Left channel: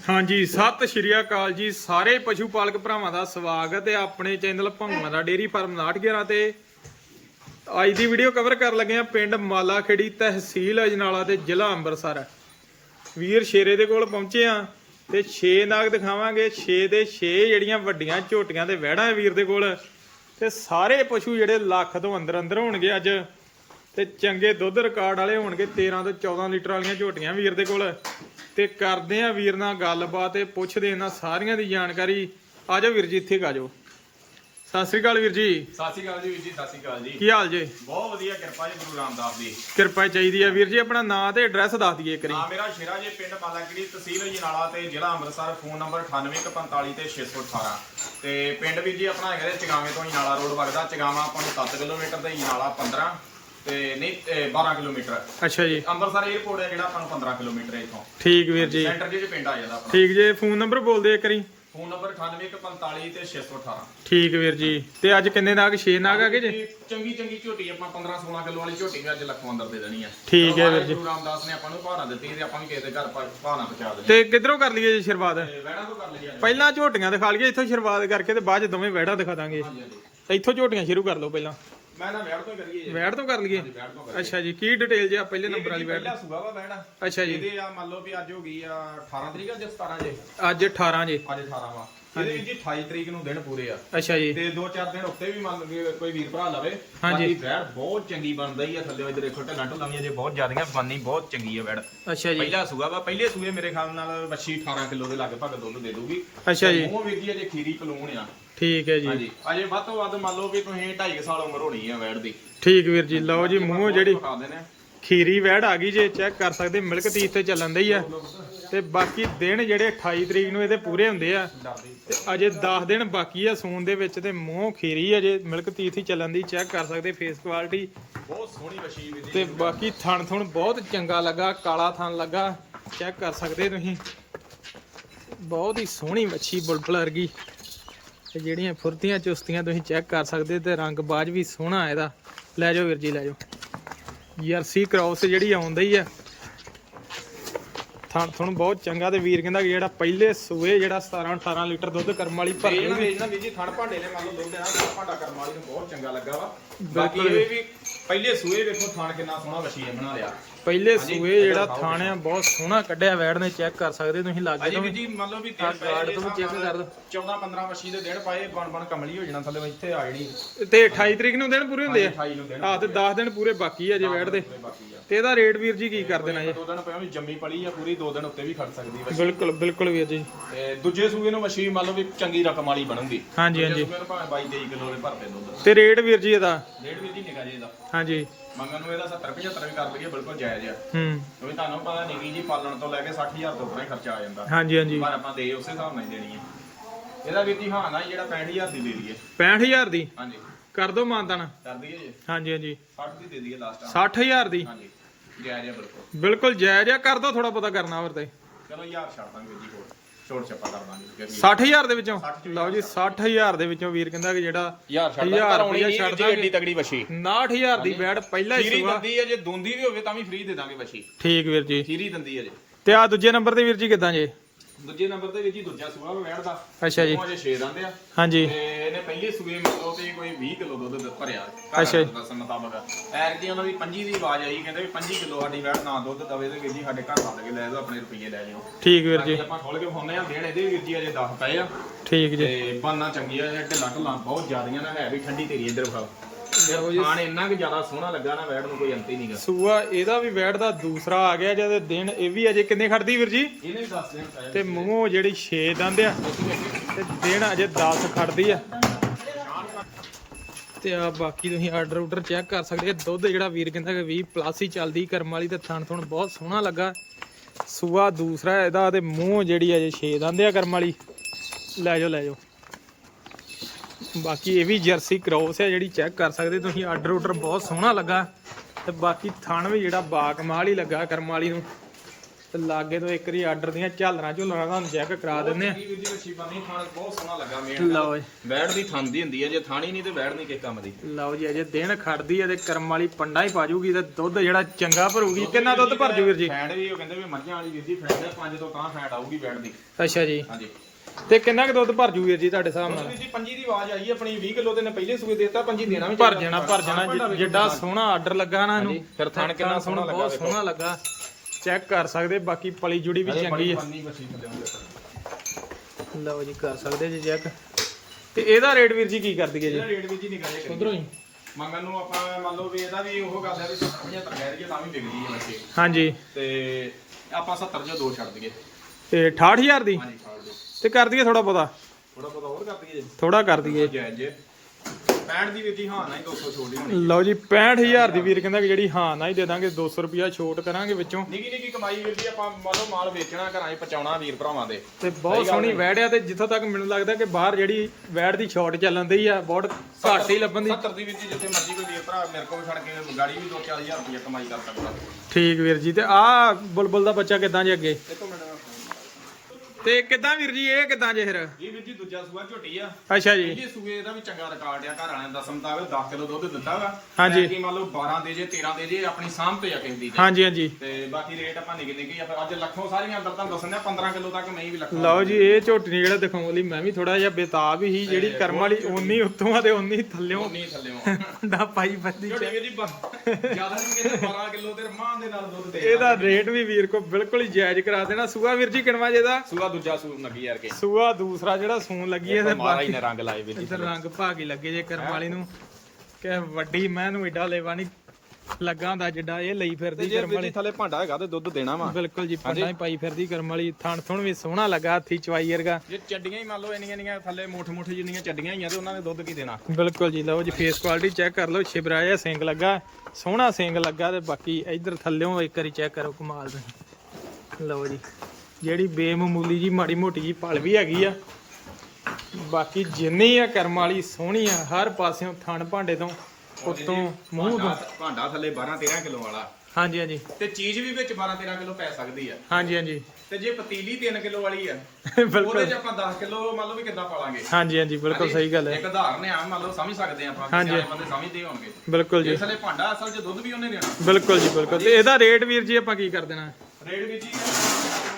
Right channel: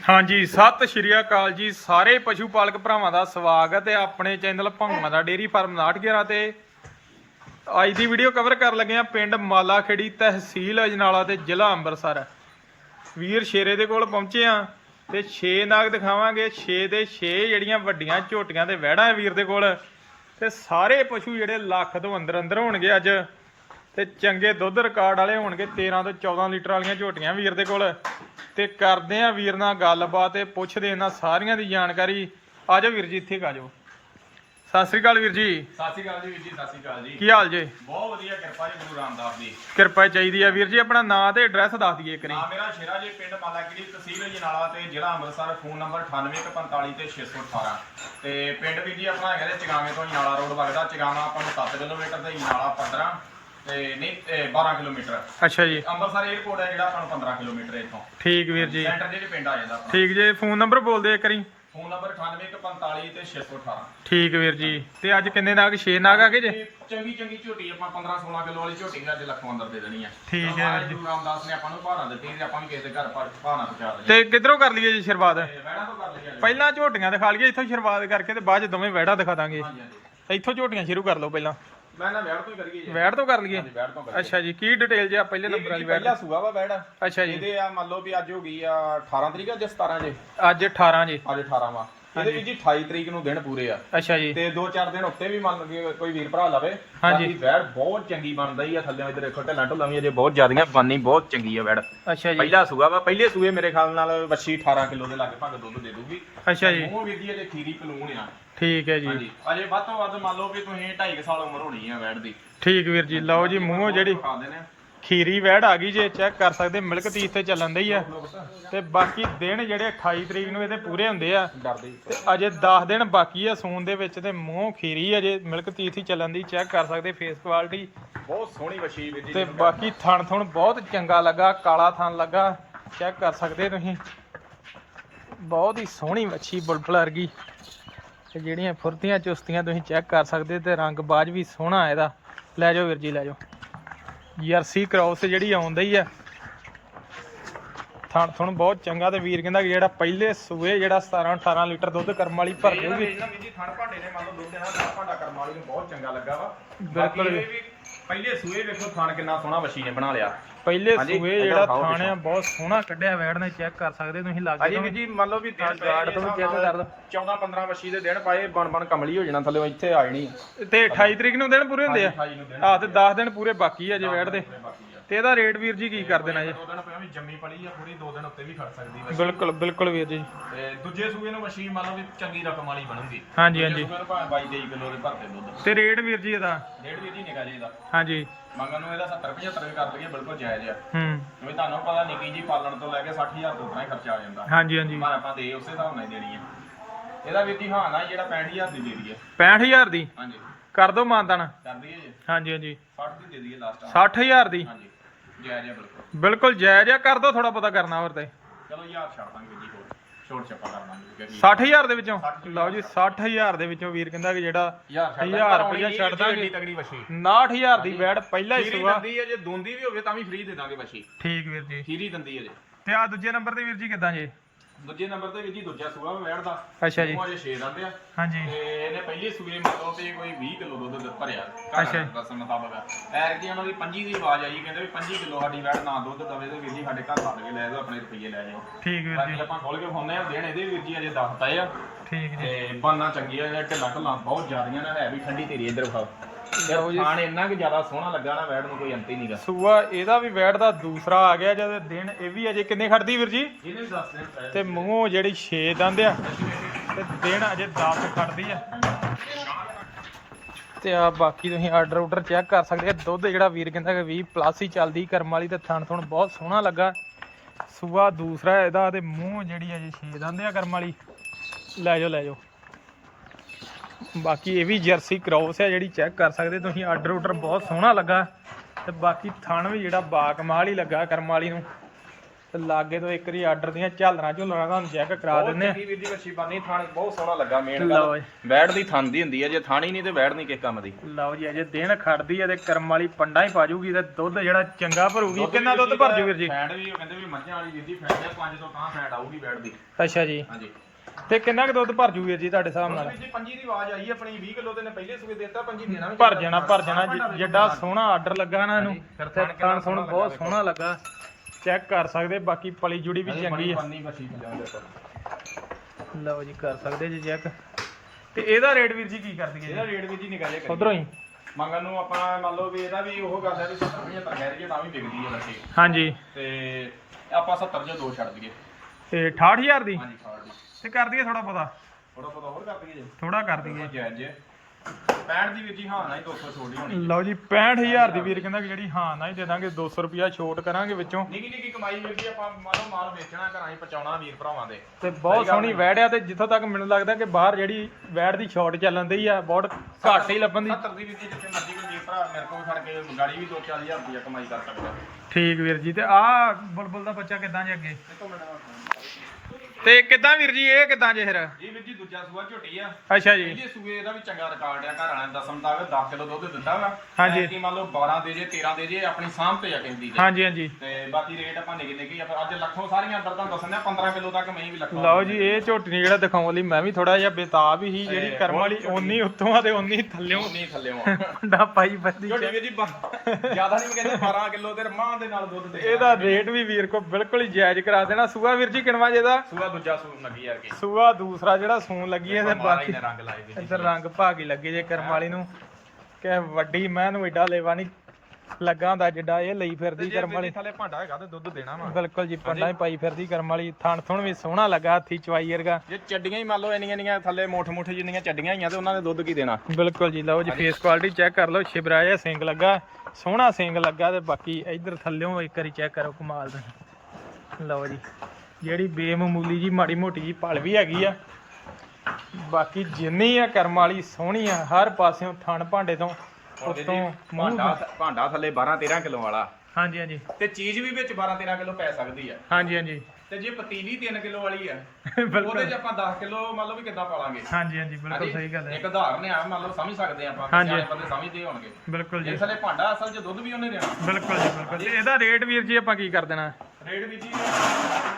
ਹਾਂਜੀ, ਸਤਿ ਸ਼੍ਰੀ ਅਕਾਲ ਜੀ। ਸਾਰੇ ਪਸ਼ੂ ਪਾਲਕ ਭਰਾਵਾਂ ਦਾ ਸਵਾਗਤ ਹੈ ਆਪਣੇ ਚੈਨਲ ਭੰਗਵਾ ਦਾ ਡੇਰੀ ਫਾਰਮ 911 ਤੇ। ਅੱਜ ਦੀ ਵੀਡੀਓ ਕਵਰ ਕਰਨ ਲੱਗੇ ਆ ਪਿੰਡ ਮਾਲਾਖੇੜੀ ਤਹਿਸੀਲ ਅਜਨਾਲਾ ਤੇ ਜ਼ਿਲ੍ਹਾ ਅੰਮ੍ਰਿਤਸਰ। ਵੀਰ ਸ਼ੇਰੇ ਦੇ ਕੋਲ ਪਹੁੰਚੇ ਆ ਤੇ 6 ਨਾਗ ਦਿਖਾਵਾਂਗੇ। 6 ਦੇ 6 ਜਿਹੜੀਆਂ ਵੱਡੀਆਂ ਝੋਟੀਆਂ ਤੇ ਵਹਿੜਾਂ ਵੀਰ ਦੇ ਕੋਲ। ਤੇ ਸਾਰੇ ਪਸ਼ੂ ਜਿਹੜੇ ਲੱਖ ਤੋਂ ਅੰਦਰ ਅੰਦਰ ਹੋਣਗੇ ਅੱਜ। ਤੇ ਚੰਗੇ ਦੁੱਧ ਰਿਕਾਰਡ ਵਾਲੇ ਹੋਣਗੇ 13 ਤੋਂ 14 ਲੀਟਰ ਵਾਲੀਆਂ ਝੋਟੀਆਂ ਵੀਰ ਦੇ ਕੋਲ। ਤੇ ਕਰਦੇ ਆ ਵੀਰ ਨਾਲ ਗੱਲਬਾਤ ਤੇ ਪੁੱਛਦੇ ਇਹਨਾਂ ਸਾਰੀਆਂ ਦੀ ਜਾਣਕਾਰੀ। ਆਜੋ ਵੀਰ ਜੀ ਇੱਥੇ ਆਜੋ ਸਤਿ ਸ੍ਰੀ ਅਕਾਲ ਵੀਰ ਜੀ। ਸਤਿ ਸ਼੍ਰੀ ਅਕਾਲ ਜੀ ਵੀਰ ਜੀ ਸਤਿ ਸ਼੍ਰੀ ਅਕਾਲ ਜੀ। ਕੀ ਹਾਲ ਜੇ? ਬਹੁਤ ਵਧੀਆ ਕਿਰਪਾ ਜੀ ਗੁਰੂ ਰਾਮਦਾਸ ਦੀ ਕਿਰਪਾ ਚਾਹੀਦੀ ਆ ਵੀਰ ਜੀ ਆਪਣਾ ਨਾਂ ਤੇ ਐਡਰੈਸ ਦੱਸ ਦਈਏ ਇੱਕ ਨਾਮ ਮੇਰਾ ਸ਼ੇਰਾ ਜੀ ਪਿੰਡ ਤਹਿਸੀਲ ਜਨਾਲਾ ਤੇ ਜ਼ਿਲ੍ਹਾ ਅੰਮ੍ਰਿਤਸਰ ਫੋਨ ਨੰਬਰ 9845 ਤੇ 618 ਤੇ ਪਿੰਡ ਵੀ ਜੀ ਆਪਣਾ ਹੈਗਾ ਜੀ ਚਗਾਵੇਂ ਤੋਂ ਜਨਾਲਾ ਰੋਡ ਵਗਦਾ। ਚਗਾਵਾ ਆਪਾਂ ਨੂੰ 7 ਕਿਲੋਮੀਟਰ ਤੇ ਜਨਾਲਾ 15 ਤੇ ਨਹੀਂ ਇਹ 12 ਕਿਲੋਮੀਟਰ। ਅੱਛਾ ਜੀ। ਅੰਮ੍ਰਿਤਸਰ 에ਅਰਪੋਰਟ ਹੈ ਜਿਹੜਾ ਆਪਾਂ ਨੂੰ 15 ਕਿਲੋਮੀਟਰ ਹੈ ਇੱਥੋਂ। ਠੀਕ ਵੀਰ ਜੀ। ਸੈਂਟਰ ਜੀ 'ਚ ਪਿੰਡ ਆ ਜਾਂਦਾ ਆਪਣਾ। ਠੀਕ ਜੇ ਫੋਨ ਨੰਬਰ ਬੋਲਦੇ ਇੱਕ ਵਾਰੀ। ਫੋਨ ਨੰਬਰ 9845 ਤੇ 618 ਠੀਕ ਵੀਰ ਜੀ। ਤੇ ਅੱਜ ਕਿੰਨੇ ਨਾਗ 6 ਨਾਗ ਆ ਗਏ ਜੇ? ਇਹ ਚੰਗੀ ਚੰਗੀ ਝੋਟੀ ਆਪਾਂ 15 16 ਕਿਲੋ ਵਾਲੀ ਝੋਟੀ ਵੀ ਅੱਜ ਲੱਖੋਂ ਅੰਦਰ ਦੇ ਦੇਣੀ ਹੈ ਠੀਕ ਹੈ ਵੀਰ ਜੀ। ਗੁਰੂ ਰਾਮਦਾਸ ਨੇ ਆਪਾਂ ਨੂੰ ਭਾਰਾਂ ਦਿੱਤੀ ਤੇ ਆਪਾਂ ਨੂੰ ਕਿਸੇ ਦੇ ਘਰ ਭਾ- ਭਾਰਾਂ ਪਹੁੰਚਾ ਦੇਣੀ। ਤੇ ਕਿੱਧਰੋਂ ਕਰ ਲਈਏ ਜੀ ਸ਼ੁਰੂਆਤ? ਤੇ ਵਹਿਣਾ ਤੋਂ ਕਰ ਲਈਏ ਅੱਜ। ਪਹਿਲਾਂ ਝੋਟੀਆਂ ਦਿਖਾ ਲਈਏ ਇੱਥੋਂ ਸ਼ੁਰੂਆਤ ਕਰਕੇ ਤੇ ਬਾਅਦ ਚ ਦੋਵੇਂ ਵਹਿੜਾ ਦਿਖਾ ਦਾਂਗੇ। ਹਾਂਜੀ ਹਾਂਜੀ। ਇੱਥੋਂ ਝੋਟੀਆਂ ਸ਼ੁਰੂ ਕਰ ਲਓ ਪਹਿਲਾਂ। ਮੈਂ ਨਾ ਵੈੜ ਤੋਂ ਹੀ ਕਰੀਏ ਜੀ। ਵਹਿੜ ਤੋਂ ਕਰ ਲਈਏ? ਹਾਂਜੀ ਵੈੜ ਤੋਂ ਕਰੀਏ। ਅੱਛਾ ਜੀ ਕੀ ਡਿਟੇਲ ਜੇ ਆ ਪਹਿਲੇ ਨੰਬਰ ਵਾਲੀ ਵਹਿੜ ਪਹਿਲਾ ਸੂਆ ਵਾ ਵੈੜ। ਅੱਛਾ ਜੀ। ਇਹਦੇ ਆ ਮੰਨ ਲਓ ਵੀ ਅੱਜ ਹੋ ਗਈ ਆ 18 ਤਰੀਕ ਆ ਜਾਂ 17 ਜੇ? ਅੱਜ 18 ਜੀ। ਅੱਜ 18 ਵਾ। ਇਹਦੇ ਵਿੱਚ ਜੀ 28 ਤਰੀਕ ਨੂੰ ਦਿਨ ਪੂਰੇ ਆ। ਅੱਛਾ ਜੀ। ਤੇ 2-4 ਦਿਨ ਉੱਤੇ ਵੀ ਮੰਨ ਲਓ ਕੋਈ ਵੀਰ ਭਰਾ ਲਵੇ। ਹਾਂਜੀ। ਬਾਕੀ ਵੈੜ ਬਹੁਤ ਚੰਗੀ ਬਣਦਾ ਹੀ ਆ ਥੱਲੇ ਇਧਰ ਦੇਖੋ ਢੱਲਾਂ ਢੁੱਲਾਂ ਵੀ ਅਜੇ ਬਹੁਤ ਜ਼ਿਆਦੀਆਂ ਬਾਨੀ ਬਹੁਤ ਚੰਗੀ ਆ ਵੈੜ ਅੱਛਾ ਜੀ। ਪਹਿਲਾ ਸੂਆ ਵਾ ਪਹਿਲੇ ਸੂਏ ਮੇਰੇ ਖਿਆਲ ਨਾਲ ਵੱਛੀ 18 ਕਿਲੋ ਦੇ ਲਗਭਗ ਦੁੱਧ ਦੇ ਦੂਗੀ। ਅੱਛਾ ਜੀ। ਮੂੰਹ ਵੀਰ ਦੀ ਅਜੇ ਖੀਰੀ ਪਲੂਣ ਆ। ਠੀਕ ਹੈ ਜੀ। ਹਾਂਜੀ। ਅਜੇ ਵੱਧ ਤੋਂ ਵੱਧ ਮੰਨ ਲਓ ਵੀ ਤੁਸੀਂ 2.5 ਸਾਲ ਉਮਰ ਹੋਣੀ ਆ ਵੈੜ ਦੀ। ਠੀਕ ਵੀਰ ਜੀ ਲਓ ਜੀ ਮੂੰਹ ਜਿਹੜੀ ਖੀਰੀ ਵਹਿੜ ਆ ਗਈ ਜੇ ਚੈੱਕ ਕਰ ਸਕਦੇ ਮਿਲਕ ਤੀਰ ਤੇ ਚੱਲਣ ਡਈ ਆ। ਤੇ ਬਾਕੀ ਦਿਨ ਜਿਹੜੇ 28 ਤਰੀਕ ਨੂੰ ਇਹਦੇ ਪੂਰੇ ਹੁੰਦੇ ਆ। ਤੇ ਅਜੇ 10 ਦਿਨ ਬਾਕੀ ਆ ਸੂਨ ਦੇ ਵਿੱਚ ਤੇ ਮੂੰਹ ਖੀਰੀ ਅਜੇ ਮਿਲਕ ਤੀਰ ਹੀ ਚੱਲਣ ਦੀ ਚੈੱਕ ਕਰ ਸਕਦੇ ਫੇਸ ਕੁਆਲਿਟੀ ਬਹੁਤ ਸੋਹਣੀ ਵੱਛੀ ਵੀਰ ਜੀ। ਤੇ ਬਾਕੀ ਥਣ ਥਣ ਬਹੁਤ ਚੰਗਾ ਲੱਗਾ ਕਾਲਾ ਥਣ ਲੱਗਾ ਚੈੱਕ ਕਰ ਸਕਦੇ ਤੁਸੀਂ। ਬਹੁਤ ਹੀ ਸੋਹਣੀ ਮੱਛੀ ਬੁਲਬੁਲ ਵਰਗੀ। ਤੇ ਜਿਹੜੀਆਂ ਫੁਰਤੀਆਂ ਚੁਸਤੀਆਂ ਤੁਸੀਂ ਚੈੱਕ ਕਰ ਸਕਦੇ ਤੇ ਰੰਗ ਬਾਜ ਵੀ ਸੋਹਣਾ ਇਹਦਾ। ਲੈ ਜਾਓ ਵੀਰ ਜੀ ਲੈ ਜਾਓ। ਜਰਸੀ ਕ੍ਰਾਸ ਜਿਹੜੀ ਆਉਂਦਾ ਹੀ ਆ ਥਣ ਥਣ ਬਹੁਤ ਚੰਗਾ ਤੇ ਵੀਰ ਕਹਿੰਦਾ ਕਿ ਜਿਹੜਾ ਪਹਿਲੇ ਸੂਏ ਜਿਹੜਾ 17 18 ਲੀਟਰ ਦੁੱਧ ਕਰਮ ਵਾਲੀ ਭਰ ਨਾ ਵੀਰ ਜੀ ਥਣ ਭਾਂਡੇ ਨੇ ਮੰਨ ਲਓ ਦੁੱਧ ਦੇਣਾ ਥਣ ਭਾਂਡਾ ਕਰਮ ਵਾਲੀ ਨੂੰ ਬਹੁਤ ਚੰਗਾ ਲੱਗਾ ਵਾ। ਬਿਲਕੁਲ। ਬਾਕੀ ਇਹ ਵੀ ਪਹਿਲੇ ਸੂਏ ਵੇਖੋ ਥਣ ਕਿੰਨਾ ਸੋਹਣਾ ਵੱਛੀ ਨੇ ਬਣਾ ਲਿਆ। ਪਹਿਲੇ ਹਾਂਜੀ, ਸੂਏ ਪਹਿਲਾਂ ਜਿਹੜਾ ਖਾਓ ਥਾਣ ਆ ਬਹੁਤ ਸੋਹਣਾ ਕੱਢਿਆ ਵੈੜ ਨੇ ਚੈੱਕ ਕਰ ਸਕਦੇ ਤੁਸੀਂ ਲਾਗੇ ਤੋਂ ਵੀ ਜੀ ਮੰਨ ਲਓ ਵੀ ਦਿਨ ਆਹ ਗਾਰਡ ਤੋਂ ਵੀ check ਕਰ ਲਓ। 14 15 ਵੱਛੀ ਦੇ ਦਿਨ ਪਾਏ ਬਣ ਬਣ ਕਮਲੀ ਹੋ ਜਾਣਾ ਥੱਲੇ ਇੱਥੇ ਆ ਜਣੀ ਤੇ 28 ਤਰੀਕ ਨੂੰ ਦਿਨ ਪੂਰੇ ਹੁੰਦੇ ਆ? 28 ਨੂੰ ਦਿਨ ਆ ਤੇ 10 ਦਿਨ ਪੂਰੇ ਬਾਕੀ ਆ ਜੇ ਵੈੜ ਦੇ। ਬਾਕੀ ਆ। ਤੇ ਇਹਦਾ ਰੇਟ ਵੀਰ ਜੀ ਕੀ ਕਰ ਦੇਣਾ ਜੀ? ਦੋ ਦਿਨ ਪਿਆ ਵੀ ਜੰਮੀ ਪਲੀ ਆ ਪੂਰੀ ਦੋ ਦਿਨ ਉੱਤੇ ਵੀ ਖੜ ਸਕਦੀ ਵੱਛੀ ਬਿਲਕੁਲ ਬਿਲਕੁਲ ਵੀਰ ਜੀ। ਤੇ ਦੂਜੇ ਸੂਏ ਨੂੰ ਵੱਛੀ ਮੰਨ ਲਓ ਵੀ ਚੰਗੀ ਰਕਮ ਵਾਲੀ ਬਣੂਗੀ ਹਾਂਜੀ ਦੂਜੇ ਹਾਂਜੀ। ਸੂਏ ਨੂੰ ਭਾਵੇਂ 22 23 ਕਿਲੋ ਦੇ ਭਰਦੇ ਦੁੱਧ। ਤੇ ਰੇਟ ਵੀਰ ਜੀ ਇਹਦਾ? ਡੇਢ ਵੀ ਦੀ ਨਿਕਾ ਜੀ ਇਹਦਾ। ਹਾਂਜੀ। ਮੰਗਣ ਨੂੰ ਇਹਦਾ 70 75 ਵੀ ਕਰ ਬਿਲਕੁਲ ਜਾਇਜ਼ ਆ। ਹੂੰ। ਕਿਉਂਕਿ ਤੁਹਾਨੂੰ ਪਤਾ ਨਿੱਕੀ ਜੀ ਪਾਲਣ ਤੋਂ ਲੈ ਕੇ 60000 ਤੋਂ ਉੱਪਰ ਹੀ ਖਰਚਾ ਆ ਜਾਂਦਾ। ਹਾਂਜੀ ਹਾਂਜੀ। ਪਰ ਆਪਾਂ ਦੇ ਉਸੇ ਹਿਸਾਬ ਨਾਲ ਹੀ ਦੇਣੀ ਹੈ ਇਹਦਾ ਵੀ ਜੀ ਹਾਂ ਨਾ ਜਿਹੜਾ 65000 ਦੀ ਦੇ ਦਈਏ। 65000 ਦੀ? ਹਾਂਜੀ। ਕਰ ਦੋ ਮਾਨਤਾਨ ਕਰ ਦਈਏ ਜੀ? ਹਾਂਜੀ ਹਾਂਜੀ। 60 ਦੀ ਦੇ ਦਈਏ ਲਾਸਟ 60000 ਦੀ? ਹਾਂਜੀ। ਜਾਇਜ਼ ਆ ਬਿਲਕੁਲ। ਬਿਲਕੁਲ ਜਾਇਜ਼ ਆ ਕਰ ਦੋ ਥੋੜਾ ਪਤਾ ਕਰਨਾ ਹੋਰ ਤੇ। ਚਲੋ ਯਾਰ ਛੱਡ ਦਾਂਗੇ ਜੀ ਹੋਰ। ਛੋੜ ਛੱਪਾ ਕਰ ਦਾਂਗੇ ਕਿਉਂਕਿ 60000 ਦੇ ਵਿੱਚੋਂ? ਲਓ ਜੀ 60000 ਦੇ ਵਿੱਚੋਂ ਵੀਰ ਕਹਿੰਦਾ ਕਿ ਜਿਹੜਾ ਯਾਰ ਛੱਡ ਹਜ਼ਾਰ ਦਾਂਗੇ ਰੁਪਈਆ ਛੱਡ ਦਾਂਗੇ। ਏਡੀ ਤਗੜੀ ਵਸ਼ੀ 69000 ਦੀ ਵੈੜ ਪਹਿਲਾ ਹੀ ਸੁਆ ਦੰਦੀ ਹੈ ਜੇ ਦੁੰਦੀ ਵੀ ਹੋਵੇ ਤਾਂ ਵੀ ਫ੍ਰੀ ਦੇ ਦਾਂਗੇ ਵਸ਼ੀ ਠੀਕ ਵੀਰ ਜੀ। ਖੀਰੀ ਦੰਦੀ ਹੈ ਜੇ। ਤੇ ਆ ਦੂਜੇ ਨੰਬਰ ਤੇ ਵੀਰ ਜੀ ਕਿਦਾਂ ਜੇ? ਦੂਜੇ ਨੰਬਰ ਤੇ ਵੀ ਜੀ ਦੂਜਾ ਸੂਆ ਵੈੜ ਦਾ ਅੱਛਾ ਜੀ। ਉਹ ਅਜੇ 6 ਦੰਦੇ ਆ। ਹਾਂਜੀ। ਤੇ ਇਹਨੇ ਪਹਿਲੀ ਸੂਏ ਲਓ ਕਿ ਕੋਈ 20 ਕਿਲੋ ਦੁੱਧ ਭਰਿਆ। ਅੱਛਾ। ਦੱਸਣ ਮੁਤਾਬਕ। ਐਰ ਕੀ ਉਹਨਾਂ ਦੀ 25 ਦੀ ਆਵਾਜ਼ ਆਈ ਕਹਿੰਦੇ ਵੀ 25 ਕਿਲੋ ਸਾਡੀ ਵੈੜ ਨਾ ਦੁੱਧ ਦਵੇ ਤੇ ਵੀਰ ਜੀ ਸਾਡੇ ਘਰ ਵੱਲ ਕੇ ਲੈ ਜਾਓ ਆਪਣੇ ਰੁਪਈਏ ਲੈ ਜਾਓ। ਠੀਕ ਵੀਰ ਜੀ। ਆਪਾਂ ਖੋਲ ਕੇ ਫੋਨੇ ਆ ਦੇਣ ਇਹਦੇ ਵੀਰ ਜੀ ਅਜੇ 10 ਪਏ ਆ। ਠੀਕ ਜੀ। ਤੇ ਬਾਨਾ ਚੰਗੀ ਆ ਢਿੱਲਾ ਢਿੱਲਾ ਬਹੁਤ ਜ਼ਿਆਦੀਆਂ ਨੇ ਹੈ ਵੀ ਠੰਡੀ ਤੇਰੀ ਇੱਧਰ ਵਿਖਾਓ। ਲਓ ਜੀ। ਯਾਰ ਖਾਣ ਇੰਨਾ ਕਿ ਜ਼ਿਆਦਾ ਸੋਹਣਾ ਲੱਗਾ ਨਾ ਵੈੜ ਨੂੰ ਕੋਈ ਅੰਤ ਹੀ ਨਹੀਂਗਾ। ਸੂਆ ਇਹਦਾ ਵੀ ਵੈੜ ਦਾ ਦੂਸਰਾ ਆ ਗਿਆ ਜਦ ਦਿਨ ਇਹ ਵੀ ਅਜੇ ਕਿੰਨੇ ਖੜਦੀ ਵੀਰ ਜੀ? ਇਹਨੇ ਦੱਸ ਦੇਣ ਤੇ ਮੂੰਹੋਂ ਜਿਹੜੀ 6 ਦੰਦ ਆ ਤੇ ਦਿਨ ਅਜੇ 10 ਖੜਦੀ ਆ। ਤੇ ਆ ਬਾਕੀ ਤੁਸੀਂ ਆਰਡਰ ਆਰਡਰ ਚੈੱਕ ਕਰ ਸਕਦੇ ਆ। ਦੁੱਧ ਜਿਹੜਾ ਵੀਰ ਕਹਿੰਦਾ ਕਿ 20 ਪਲੱਸ ਹੀ ਚੱਲਦੀ ਕਰਮ ਵਾਲੀ ਤੇ ਥਣ ਥਣ ਬਹੁਤ ਸੋਹਣਾ ਲੱਗਾ। ਸੂਆ ਦੂਸਰਾ ਇਹਦਾ ਤੇ ਮੂੰਹ ਜਿਹੜੀ ਅਜੇ 6 ਦੰਦ ਆ ਕਰਮ ਵਾਲੀ। ਲੈ ਜਾਓ ਲੈ ਜਾਓ। ਬਾਕੀ ਇਹ ਵੀ ਜਰਸੀ ਕ੍ਰੋਸ ਹੈ ਜਿਹੜੀ ਚੈੱਕ ਕਰ ਸਕਦੇ ਤੁਸੀਂ। ਆਰਡਰ ਆਰਡਰ ਬਹੁਤ ਸੋਹਣਾ ਲੱਗਾ ਤੇ ਬਾਕੀ ਥਣ ਵੀ ਜਿਹੜਾ ਬਾ ਕਮਾਲ ਹੀ ਲੱਗਾ ਕਰਮ ਵਾਲੀ ਨੂੰ। ਤੇ ਲਾਗੇ ਤੋਂ ਇੱਕ ਵਾਰੀ ਆਰਡਰ ਦੀਆਂ ਝਾਲਰਾਂ ਝੁਲਰਾਂ ਤੁਹਾਨੂੰ ਚੈੱਕ ਕਰਾ ਦਿੰਨੇ ਆ। ਵੀਰ ਜੀ ਵੱਛੀ ਬਾਨੀ ਥਾਣੀ ਬਹੁਤ ਸੋਹਣਾ ਲੱਗਾ ਮੇਨ ਲਓ ਗੱਲ। ਜੀ। ਵੈੜ ਦੀ ਥਣ ਦੀ ਹੁੰਦੀ ਹੈ ਜੇ ਥਾਣੀ ਨਹੀਂ ਤੇ ਵੈੜ ਨਹੀਂ ਕਿਸ ਕੰਮ ਦੀ। ਲਓ ਜੀ ਅਜੇ ਦਿਨ ਖੜਦੀ ਆ ਤੇ ਕਰਮ ਵਾਲੀ ਪੰਡਾ ਹੀ ਪਾਜੂਗੀ ਤੇ ਦੁੱਧ ਜਿਹੜਾ ਚੰਗਾ ਭਰੂਗੀ ਕਿੰਨਾ ਦੁੱਧ ਭਰ ਜੂ ਵੀਰ ਜੀ? ਫੈਟ ਵੀ ਉਹ ਕਹਿੰਦੇ ਵੀ ਮੱਝਾਂ ਵਾਲੀ ਵੀਰ ਦੀ ਫੈਟ ਹੈ ਪੰਜ ਤੋਂ ਕਾਂ ਫੈਟ ਆਊਗੀ ਵੈੜ ਦੀ। ਅੱਛਾ ਜੀ। ਹਾਂਜੀ। ਤੇ ਕਿੰਨਾ ਕੁ ਦੁੱਧ ਭਰ ਜੂ ਵੀਰ ਜੀ ਤੁਹਾਡੇ ਹਿਸਾਬ ਨਾਲ? ਜੀ ਪੰਜੀ ਦੀ ਆਵਾਜ਼ ਆਈ ਆਪਣੀ 20 ਕਿਲੋ ਤੇ ਨੇ ਪਹਿਲੇ ਸੂਏ ਦੇਤਾ ਪੰਜੀ ਦੇਣਾ ਵੀ ਭਰ ਜਾਣਾ ਭਰ ਜਾਣਾ ਜਿ- ਜਿੱਡਾ ਸੋਹਣਾ ਆਰਡਰ ਲੱਗਾ ਨਾ ਇਹਨੂੰ ਫਿਰ ਤੇ ਥਣ ਕਿੰਨਾ ਸੁਣ ਬਹੁਤ ਸੋਹਣਾ ਲੱਗਾ। ਚੈੱਕ ਕਰ ਸਕਦੇ ਬਾਕੀ ਪਲੀ ਜੁੜੀ ਵੀ ਚੰਗੀ ਆ ਪੰਨੀ ਲਓ ਜੀ ਕਰ ਸਕਦੇ ਜੀ ਚੈੱਕ ਤੇ ਇਹਦਾ ਰੇਟ ਵੀਰ ਜੀ ਕੀ ਕਰ ਦਈਏ ਜੀ? ਇਹਦਾ ਰੇਟ ਵੀ ਜੀ ਨਹੀਂ ਕਰੇ ਉਧਰੋਂ ਹੀ। ਮੰਗਣ ਨੂੰ ਆਪਾਂ ਮੰਨ ਲਓ ਵੀ ਇਹਦਾ ਵੀ ਉਹ ਗੱਲ ਹੈ ਵੀ 70 75 ਕਹਿ ਦਈਏ ਤਾਂ ਵੀ ਵਿਕਦੀ ਹੈ ਵੈਸੇ ਹਾਂਜੀ। ਤੇ ਆਪਾਂ 70 ਜੋ ਦੋ ਛੱਡ ਦਈਏ। ਤੇ 68000 ਦੀ? ਹਾਂਜੀ ਛੱਡ ਦਿਓ ਤੇ ਕਰ ਦਈਏ ਥੋੜਾ ਬਹੁਤਾ। ਥੋੜਾ ਬਹੁਤਾ ਹੋਰ ਕਰ ਦਈਏ। ਥੋੜਾ ਕਰ ਦਈਏ। ਜਾਇਜ਼ ਜੇ। 65 ਦੀ ਜੀ ਹਾਂ ਨਾ ਹੀ 200 ਛੋੜ ਹੋਣੀ। ਲਓ ਜੀ 65000 ਦੀ ਵੀਰ ਕਹਿੰਦਾ ਕਿ ਜਿਹੜੀ ਹਾਂ ਨਾ ਹੀ ਦੇ ਦਾਂਗੇ 200 ਰੁਪਿਆ ਛੋਟ ਕਰਾਂਗੇ ਵਿੱਚੋਂ। ਨਿੱਕੀ ਨਿੱਕੀ ਕਮਾਈ ਵੀਰ ਜੀ ਆਪਾਂ ਮੰਨ ਲਓ ਮਾਲ ਵੇਚਣਾ ਘਰਾਂ 'ਚ ਪਹੁੰਚਾਉਣਾ ਵੀਰ ਭਰਾਵਾਂ ਦੇ। ਤੇ ਬਹੁਤ ਸੋਹਣੀ ਵੈੜ ਆ ਤੇ ਜਿੱਥੋਂ ਤੱਕ ਮੈਨੂੰ ਲੱਗਦਾ ਕਿ ਬਾਹਰ ਜਿਹੜੀ ਵੈੜ ਦੀ ਸ਼ਾਰਟ ਚੱਲਣ ਦੀ ਆ ਬਹੁਤ ਘੱਟ ਹੀ ਲੱਭਣ ਦੀ। 70 ਦੀ ਵੀਰ ਜੀ ਜਿੱਥੇ ਮਰਜ਼ੀ ਕੋਈ ਵੀਰ ਭਰਾ ਮੇਰੇ ਕੋਲ ਫੜ ਕੇ ਗਾੜੀ ਵੀ 2-4000 ਰੁਪਏ ਕਮਾਈ ਕਰ ਸਕਦਾ। ਠੀਕ ਵੀਰ ਜੀ ਤੇ ਆ ਬੁਲਬੁਲ ਦਾ ਬੱਚਾ ਕਿਦਾਂ ਜੀ ਅੱਗੇ? ਇਹ ਤੋਂ ਮੈਡਮ ਤੇ ਕਿਦਾਂ ਵੀਰ ਜੀ ਇਹ ਕਿਦਾਂ ਜੇ ਫਿਰ? ਇਹ ਵੀਰ ਜੀ ਦੂਜਾ ਸੂਆ ਝੋਟੀ ਆ। ਅੱਛਾ ਜੀ। ਪਹਿਲੇ ਸੂਏ ਇਹਦਾ ਵੀ ਚੰਗਾ ਰਿਕਾਰਡ ਆ ਘਰ ਵਾਲਿਆਂ ਦਾ ਦਸਮ ਤੱਕ 10 ਕਿਲੋ ਦੁੱਧ ਦਿੱਤਾ ਵਾ। ਹਾਂਜੀ। ਕਿ ਮੰਨ ਲਓ 12 ਦੇ ਜੇ 13 ਦੇ ਜੇ ਆਪਣੀ ਸਾਂਭ ਤੇ ਆ ਕਿਸੇ ਦੀ। ਹਾਂਜੀ ਹਾਂਜੀ। ਤੇ ਬਾਕੀ ਰੇਟ ਆਪਾਂ ਨਿੱਕੇ ਨਿੱਕੇ ਆ ਅੱਜ ਲੱਖੋਂ ਸਾਰੀਆਂ ਅੰਦਰ ਤੁਹਾਨੂੰ ਦੱਸਣ 15 ਕਿਲੋ ਤੱਕ ਮੈਂ ਵੀ ਲੱਖੋਂ ਲਓ ਜੀ ਇਹ ਝੋਟੀ ਜਿਹੜਾ ਦਿਖਾਉਣ ਲਈ ਮੈਂ ਵੀ ਥੋੜਾ ਜਿਹਾ ਬੇਤਾਬ ਹੀ ਜਿਹੜੀ ਕਰਮ ਵਾਲੀ ਓਨੀ ਉੱਤੋਂ ਆ ਤੇ ਓਨੀ ਥੱਲਿਓਂ ਨਹੀਂ ਥੱਲੇ ਆ। ਮੁੰਡਾ ਪਾਈ ਬੰਦੀ ਝੋਟੀ ਵੀਰ ਜੀ ਜ਼ਿਆਦਾ ਨਹੀਂ ਕਹਿੰਦੇ 12 ਕਿਲੋ ਤੇ ਮਾਂ ਦੇ ਨਾਲ ਦੁੱਧ ਦੇ ਇਹਦਾ ਰੇਟ ਵੀ ਵੀਰ ਕੋ ਬਿਲਕੁਲ ਹੀ ਜਾਇਜ਼ ਕਰਾ ਦੇਣਾ। ਸੂਆ ਵੀਰ ਜੀ ਜਿਹਦਾ ਸੂਆ ਦੂਜਾ ਸੂਰ ਲੱਗੀ ਯਾਰ ਕੇ। ਸੂਆ ਦੂਸਰਾ ਜਿਹੜਾ ਸੂਣ ਲੱਗੀ ਹੀ ਬਾਕੀ ਨੇ ਰੰਗ ਲਾਏ ਜੀ ਇੱਧਰ ਰੰਗ ਭਾਗੀ ਲੱਗੇ ਜੇ ਕਰਮ ਵਾਲੀ ਨੂੰ। ਕਿ ਵੱਡੀ ਮੈਂ ਨੂੰ ਏਡਾ ਲੈਵਾ ਨਹੀਂ ਲੱਗਾ ਹੁੰਦਾ ਜਿੱਡਾ ਇਹ ਲਈ ਫਿਰਦੀ ਕਰਮ ਵਾਲੀ। ਜੀ ਥੱਲੇ ਭਾਂਡਾ ਹੈਗਾ ਤੇ ਦੁੱਧ ਦੇਣਾ ਵਾ। ਬਿਲਕੁਲ ਜੀ ਪੰਡਾ ਹੀ ਪਾਈ ਫਿਰਦੀ ਕਰਮ ਵਾਲੀ। ਥਣ ਥੁਣ ਵੀ ਸੋਹਣਾ ਲੱਗਾ ਹੱਥੀ ਚਵਾਈ ਵਰਗਾ। ਜੇ ਚੱਡੀਆਂ ਹੀ ਮੰਨ ਲਓ ਇੰਨੀਆਂ ਇੰਨੀਆਂ ਥੱਲੇ ਮੋਠ ਮੋਠ ਜਿੰਨੀਆਂ ਚੱਡੀਆਂ ਹੋਈਆਂ ਤੇ ਉਹਨਾਂ ਨੇ ਦੁੱਧ ਕੀ ਦੇਣਾ? ਬਿਲਕੁਲ ਜੀ ਲਓ ਜੀ ਫੇਸ ਕੁਆਲਿਟੀ ਚੈੱਕ ਕਰ ਲਓ ਛਿਬਰਾ ਜਿਹਾ ਸਿੰਗ ਲੱਗਾ ਸੋਹਣਾ ਸਿੰਗ ਲੱਗਾ ਤੇ ਬਾਕੀ ਇੱਧਰ ਥੱਲਿਓਂ ਇੱਕ ਵਾਰੀ ਚੈੱਕ ਕਰੋ ਕਮਾਲ ਦਾ। ਲਓ ਜੀ। ਜਿਹੜੀ ਬੇਮਾਮੂਲੀ ਜੀ ਮਾੜੀ ਮੋਟੀ ਜੀ ਪਲ ਵੀ ਹੈਗੀ ਆ। ਬਾਕੀ ਜਿੰਨੀ ਆ ਕਰਮ ਵਾਲੀ ਸੋਹਣੀ ਆ ਹਰ ਪਾਸਿਓਂ ਥਣ ਭਾਂਡੇ ਤੋਂ ਉੱਤੋਂ ਮੂੰਹ ਭਾਂਡਾ ਭਾਂਡਾ ਥੱਲੇ 12 13 ਕਿਲੋ ਵਾਲਾ। ਹਾਂਜੀ ਹਾਂਜੀ। ਤੇ ਚੀਜ਼ ਵੀ ਵਿੱਚ 12 13 ਕਿਲੋ ਪੈ ਸਕਦੀ ਆ। ਹਾਂਜੀ ਹਾਂਜੀ। ਤੇ ਜੇ ਪਤੀਲੀ 3 ਕਿਲੋ ਵਾਲੀ ਆ ਉਹਦੇ 'ਚ ਆਪਾਂ 10 ਕਿਲੋ ਮੰਨ ਲਓ ਵੀ ਕਿੱਦਾਂ ਪਾਵਾਂਗੇ। ਹਾਂਜੀ ਹਾਂਜੀ ਬਿਲਕੁਲ ਸਹੀ ਗੱਲ ਹੈ। ਇੱਕ ਉਦਾਹਰਨ ਆ ਮੰਨ ਲਓ ਸਮਝ ਸਕਦੇ ਆਪਾਂ ਹਾਂਜੀ। ਸਿਆਣੇ ਬੰਦੇ ਸਮਝਦੇ ਹੋਣਗੇ। ਬਿਲਕੁਲ ਜੀ। ਥੱਲੇ ਭਾਂਡਾ ਅਸਲ 'ਚ ਦੁੱਧ ਵੀ ਉਹਨੇ ਦੇਣਾ। ਬਿਲਕੁਲ ਜੀ ਬਿਲਕੁਲ। ਤੇ ਇਹਦਾ ਰੇਟ ਵੀਰ ਜੀ ਆਪਾਂ ਕੀ ਕਰ ਦੇਣਾ? ਰੇਟ ਵੀ ਜੀ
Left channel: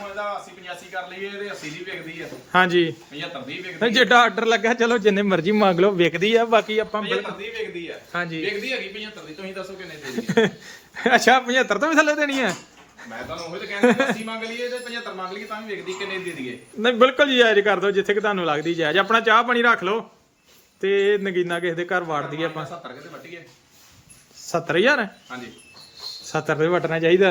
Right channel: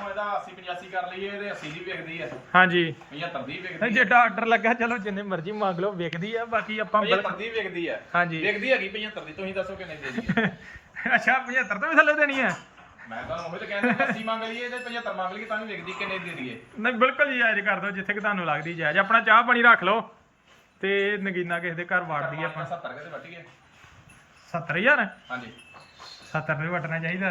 ਇਹਦਾ 80 85 ਕਰ ਲਈਏ ਇਹਦੇ 80 ਦੀ ਵਿਕਦੀ ਆ। ਹਾਂਜੀ। 75 ਦੀ ਵਿਕਦੀ ਨਹੀਂ ਜਿਹੜਾ ਆਰਡਰ ਲੱਗਾ ਚਲੋ ਜਿੰਨੇ ਮਰਜ਼ੀ ਮੰਗ ਲਓ ਵਿਕਦੀ ਆ ਬਾਕੀ ਆਪਾਂ ਬਿਲ- 75 ਦੀ ਵਿਕਦੀ ਆ। ਹਾਂਜੀ। ਵਿਕਦੀ ਹੈਗੀ 75 ਦੀ ਤੁਸੀਂ ਦੱਸੋ ਕਿੰਨੇ ਦੇ ਅੱਛਾ 75 ਤੋਂ ਵੀ ਥੱਲੇ ਦੇਣੀ ਆ। ਮੈਂ ਤੁਹਾਨੂੰ ਉਹੀ ਤਾਂ ਕਹਿੰਦਾ 80 ਮੰਗ ਲਈਏ ਤੇ 75 ਮੰਗ ਲਈਏ ਤਾਂ ਵੀ ਵਿਕਦੀ ਕਿੰਨੇ ਦੀ ਦਈਏ। ਨਹੀਂ ਬਿਲਕੁਲ ਜੀ ਜਾਇਜ਼ ਕਰ ਦਿਓ ਜਿੱਥੇ ਕਿ ਤੁਹਾਨੂੰ ਲੱਗਦੀ ਜਾਇਜ਼। ਆਪਣਾ ਚਾਹ ਪਾਣੀ ਰੱਖ ਲਓ ਤੇ ਨਗੀਨਾ ਕਿਸੇ ਦੇ ਘਰ ਵਾੜ ਦਈਏ ਆਪਾਂ। 70 ਕਿਤੇ ਵੱਟੀਏ 70000 ਹਾਂਜੀ। 70 ਦੇ ਵਟਣਾ ਚਾਹੀਦਾ।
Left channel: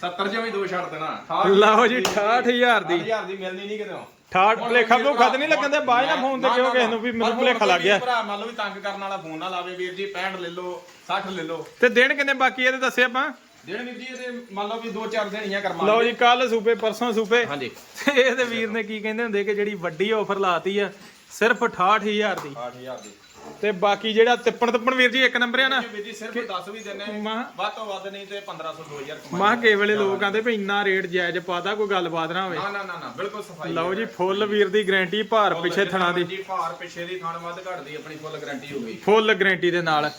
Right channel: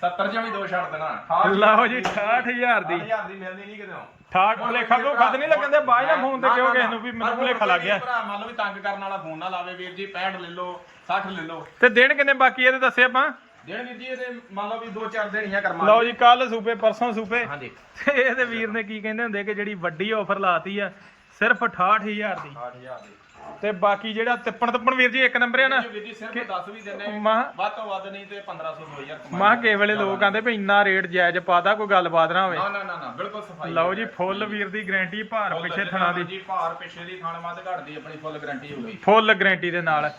70 ਚ ਵੀ ਦੋ ਛੱਡ ਦੇਣਾ। ਲਓ ਜੀ 68000 ਦੀ। 8000 ਦੀ ਮਿਲਣੀ ਨਹੀਂ ਕਿਤੇ। 68 ਭਲੇਖਾ ਤੋਂ ਖਤ ਨਹੀਂ ਲੱਗਣ ਦੇ ਬਾਅਦ ਨਾ ਫੋਨ ਤੇ ਕਿਉਂ ਕਿਸੇ ਨੂੰ ਵੀ ਮੈਨੂੰ ਭਲੇਖਾ ਲੱਗ ਗਿਆ। ਭਰਾ ਮੰਨ ਲਓ ਵੀ ਤੰਗ ਕਰਨ ਵਾਲਾ ਫੋਨ ਨਾ ਲਾਵੇ ਵੀਰ ਜੀ 65 ਲੈ ਲਓ 60 ਲੈ ਲਓ। ਤੇ ਦਿਨ ਕਿੰਨੇ ਬਾਕੀ ਇਹਦੇ ਦੱਸੇ ਆਪਾਂ? ਦੇਣ ਵੀਰ ਜੀ ਇਹਦੇ ਮੰਨ ਲਓ ਵੀ 2-4 ਦੇਣੀਆਂ ਕਰਮਾ ਲਓ ਜੀ ਕੱਲ ਸੂਪੇ ਪਰਸੋਂ ਸੂਪੇ। ਹਾਂਜੀ। ਇਹਦੇ ਵੀਰ ਨੇ ਕੀ ਕਹਿੰਦੇ ਹੁੰਦੇ ਕਿ ਜਿਹੜੀ ਵੱਡੀ ਆਫਰ ਲਾਤੀ ਆ ਸਿਰਫ 68000 ਦੀ। 8000 ਦੀ। ਤੇ ਬਾਕੀ ਜਿਹੜਾ ਤਿੱਪਣ ਤਿੱਪਣ ਵੀਰ ਜੀ ਇੱਕ ਨੰਬਰ ਆ ਨਾ ਵੀਰ ਜੀ ਸਿਰਫ 10 ਵੀ ਦਿੰਨੇ ਮਾਂ ਵੱਧ ਤੋਂ ਵੱਧ ਨਹੀਂ ਤੇ 1500 2000 ਕਮਾਈ ਮਾਂ ਕੇ ਵੇਲੇ ਲੋਕ ਆਂਦੇ ਵੀ ਇੰਨਾ ਰੇਟ ਜਾਇਜ਼ ਪਾਦਾ ਕੋਈ ਗੱਲਬਾਤ ਨਾ ਹੋਵੇ। ਨਾ ਨਾ ਨਾ ਨਾ ਬਿਲਕੁਲ ਸਫ਼ਾਈ ਲਓ ਜੀ ਫੁੱਲ ਵੀਰ ਦੀ ਗਾਰੰਟੀ ਭਾਰ ਪਿੱਛੇ ਥਣਾ ਦੀ। ਜੀ ਭਾਰ ਪਿੱਛੇ ਦੀ ਖਾਣ ਮੱਧ ਘਟਦੀ ਆਪਣੀ ਫੁੱਲ ਗਾਰੰਟੀ ਹੋ ਗਈ। ਫੁੱਲ ਗਾਰੰਟੀ ਦੇ ਨਾਲ।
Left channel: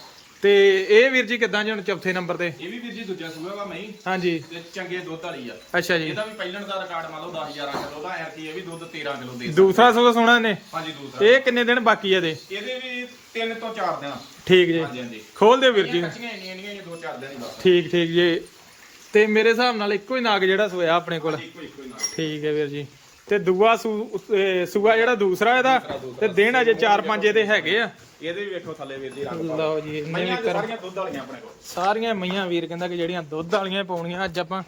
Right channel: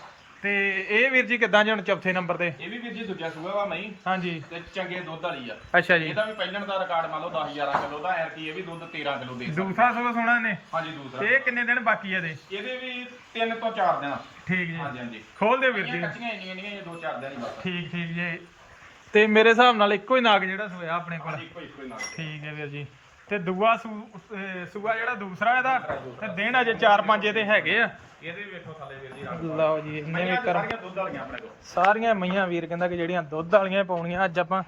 ਤੇ ਇਹ ਵੀਰ ਜੀ ਕਿੱਦਾਂ ਜੀ ਹੁਣ ਚੌਥੇ ਨੰਬਰ ਤੇ? ਇਹ ਵੀ ਵੀਰ ਜੀ ਦੂਜਾ ਸੂਆ ਵਾ ਮਈ ਹਾਂਜੀ। ਤੇ ਚੰਗੇ ਦੁੱਧ ਵਾਲੀ ਆ। ਅੱਛਾ ਜੀ। ਇਹਦਾ ਵੀ ਪਹਿਲਣ ਦਾ ਰਿਕਾਰਡ ਮੰਨ ਲਓ 10 11 ਕਿਲੋ ਦਾ ਐਰ ਕੀ ਇਹ ਵੀ ਦੁੱਧ 13 ਕਿਲੋ ਦੇ ਦੂਸਰਾ ਸੂਆ ਸੋਣਾ ਨੇ ਹਾਂਜੀ ਦੂਸਰਾ ਇਹ ਕਿੰਨੇ ਦਿਨ ਬਾਕੀ ਆ ਇਹਦੇ? ਇਹਦੇ ਵੀ 3 ਤੋਂ 4 ਦਿਨ। ਠੀਕ ਜੀ। ਹਾਂਜੀ ਹਾਂਜੀ। ਖੋਲ ਦਿਓ ਵੀਰ ਜੀ। ਕੱਚੀਆਂ ਇੰਨੀਆਂ ਨਹੀਂ ਇਹ 2-4 ਦਿਨ ਹੀ ਬਸ। ਠੀਕ ਠੀਕ ਜੀ। ਤੇ ਮੇਰੇ ਹਿਸਾਬ ਨਾਲ ਇੱਕੋ ਹੀ ਨਾਗ ਜਿਹੜਾ ਸੋਇਆ ਆਪਣੇ ਕੋਲ। ਇੱਕੋ ਇੱਕੋ ਹੀ ਨਾਲ ਠੀਕ ਹੈ ਵੀਰ ਜੀ। ਤੇ ਦੂਆ ਸੂਆ ਜਿਹੜਾ ਦੂਸਰਾ ਇਹਦਾ ਤੇ ਦਿਨ ਅਜੇ 4-5 ਇਹਦੇ ਹੈਗੇ ਆ। ਇਹਦੇ ਵੀ ਵੇਖੋ ਥੱਲੇ ਵੀਰ ਜੀ ਲਓ ਜੀ ਇੰਨੇ ਸਾਰੀਆਂ ਦੁੱਧ ਵਾਲੀਆਂ ਆਪਣੇ ਕੋਲ। ਸਾਰੀਆਂ ਮਈਆਂ ਵੀਰ ਕਹਿੰਦਾ ਕਿ ਜਿਹੜੀਆਂ ਦੁੱਧ ਵਾਲੀਆਂ ਹੀ ਪਾਉਣੀਆਂ ਅੱਜ ਆਪਾਂ